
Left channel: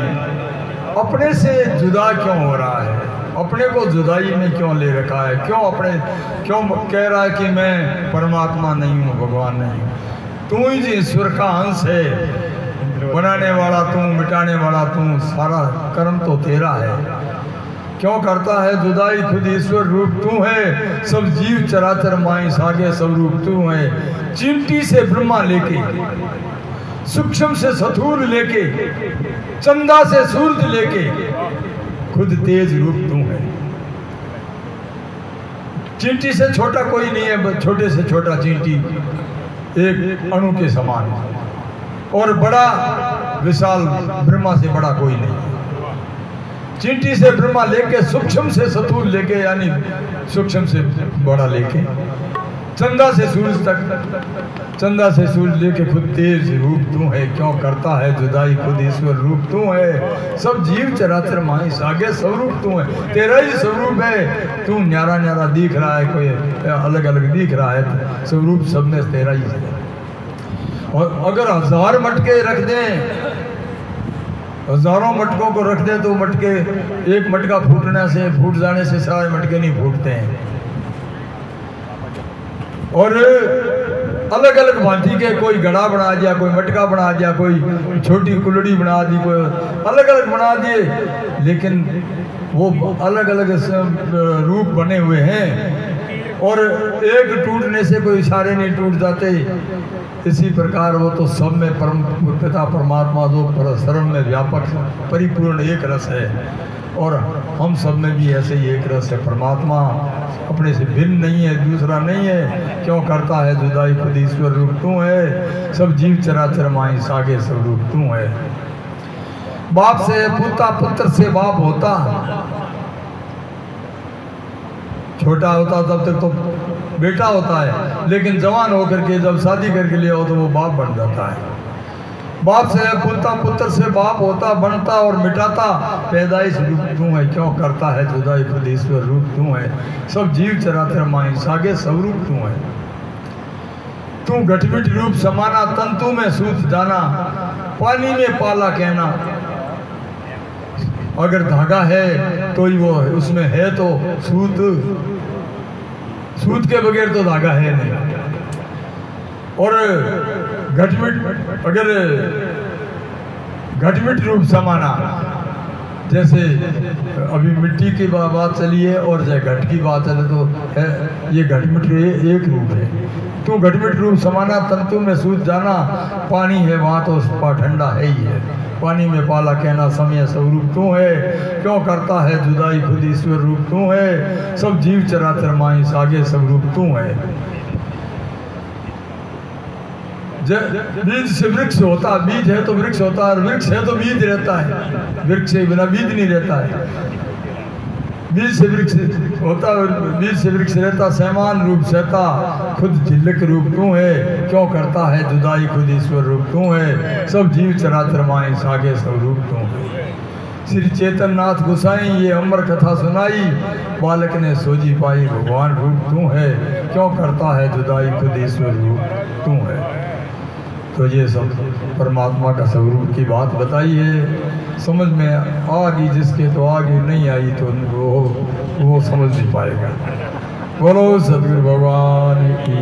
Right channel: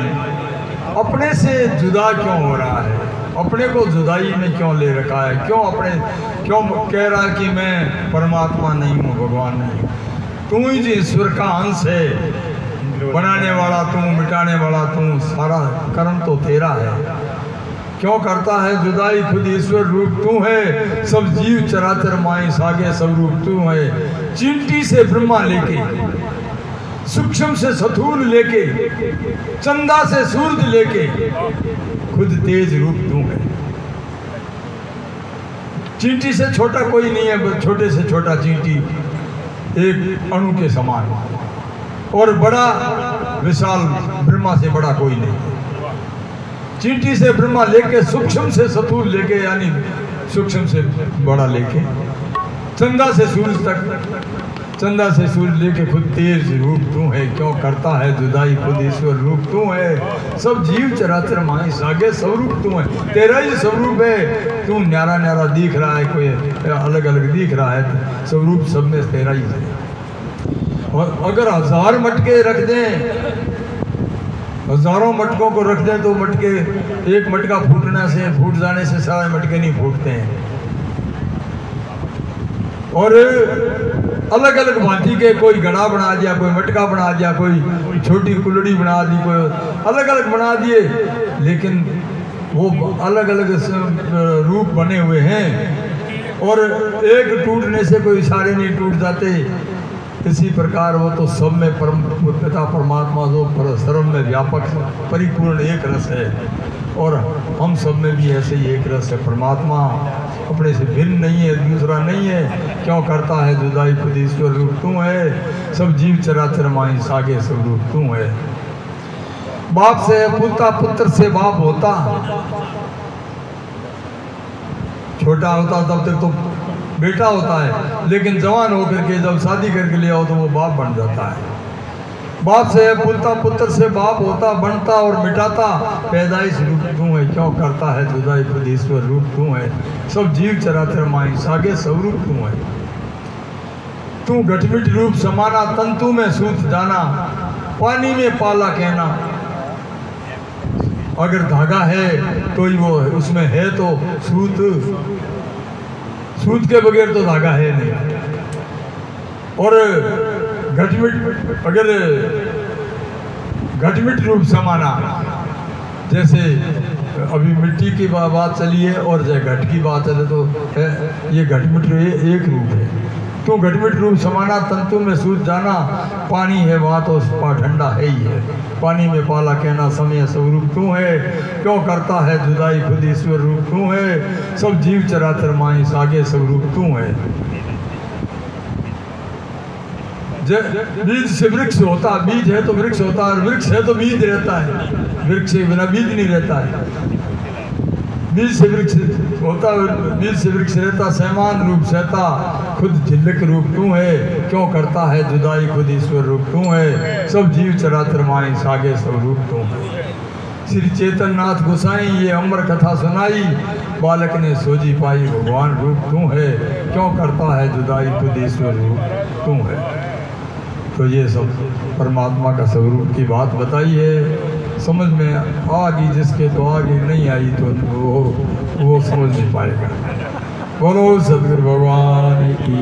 अपने से जुदा क्यों हो रहा है, अपने को जुदाई में क्यों ले रखा है, क्यों कह रहा है कि मैं परमात्मा नहीं हूँ, भगवान नहीं। तू ही ईश्वर का अंश है, बनाने वाला तू, मिटाने वाला तू, सारा कर्म तो तेरा है। क्यों करता है जुदाई। खुद ईश्वर रूप तू है, सब जीव चराचर माई, सागे सब रूप तू है। चिमटी से ब्रह्मा लेके, सूक्ष्म से स्थूल लेके, चंदा से सूरज लेके, खुद तेज रूप तू है। चींटी से छोटा कोई नहीं है, छोटे से छोटा चींटी एक अणु के समान, और बड़ा विशाल ब्रह्मा से बड़ा कोई नहीं। चींटी से ब्रह्मा लेके, सूक्ष्म से स्थूल लेके, यानी सूक्ष्म से बड़ा लेके, चंदा से सूरज तक, चंदा से सूरज लेके खुद तेज रूप तू है। क्यों करता है जुदाई। खुद ईश्वर रूप तू है, सब जीव चराचर माई, सागे स्वरूप तू है, तेरा ही स्वरूप है। तू न्यारा न्यारा दिख रहा है, कोई अलग अलग दिख रहा है, स्वरूप सब में तेरा ही है। और अगर 1000 मटके रख दें, हजारों मटकों को रख दें, तो मटके, एक मटका फूट जाने से सारे मटके नहीं फूटते हैं। और अलग अलग भांति के, कोई घड़ा बना दिया, कोई मटका बना दिया, कोई छोटी कुल्हड़ी बना दी, कोई अलग अलग बना दिए, लेकिन वो अलग अलग रूप बने हुए हैं। और एक टूटने से कोई सारे नहीं टूट जाते। इसी प्रकार वो तो सब में परम पिता परमात्मा जो शरण में व्यापक परिपूर्ण एक रस है। और हम सब में भी ऐसे ही एक रस है। परमात्मा अपने से भिन्न नहीं है, दूसरा नहीं है। क्यों करता है जुदाई खुद ईश्वर रूप तू है। सब जीव चराचर माई सागे सब रूप तू है। बाप से पुता, पुत्र से बाप होता। छोटा होता तब तक तो बेटा होता है, लेकिन जवान होकर के जब शादी करके ले आओ तो वो बाप बन जाता है। बाप से पुता, पुत्र से बाप होता, बनता और मिटाता। पैदाइश रूप तू है, क्यों करता है जुदाई खुद ईश्वर रूप तू है। सब जीव चराचर माई सागे सब रूप तू है। तू घटमिट रूप समाना, तंतु में सूत जाना, पानी में पाला कहना। अगर धागा है तो ही वो उसमें है तो सूत, सूत के बगैर तो धागा है नहीं। और घटमिट, अगर घटमिट रूप समाना, जैसे अभी मिट्टी की बात चली है और जब घट की बात चले तो है ये घटमिट एक रूप है। तो घटमिट रूप समाना, तंतु में सूत जाना। पानी है वहाँ तो ठंडा है ही है। पानी में पाला कहना, समय स्वरूप तू है। क्यों करता है जुदाई खुद ईश्वर रूप तू है। सब जीव चराचर माई सागे सब रूप तू है। बीज से वृक्ष होता, बीज है तो वृक्ष होता है, वृक्ष है तो बीज रहता है। वृक्ष के बिना बीज नहीं रहता है। बीज से वृक्ष होता, बीज से वृक्ष रहता। सैमान रूप सहता, खुद झिल्लक रूप तू है। क्यों करता है जुदाई खुद ईश्वर रूप तू है। सब जीव चराचर माई सागे सब रूप तू है। श्री चेतन नाथ गोसाई ये अमर कथा सुनाई, बालक ने सोजी पाई भगवान रूप तू है। क्यों करता है जुदाई खुद ईश्वर रूप तू है। तो ये सब परमात्मा का स्वरूप की बात बताई है। समझ में आ गई जिसके तो आगे, नहीं आई तो वो समझ नहीं पाएगा। बोलो सदगुरु भगवान की।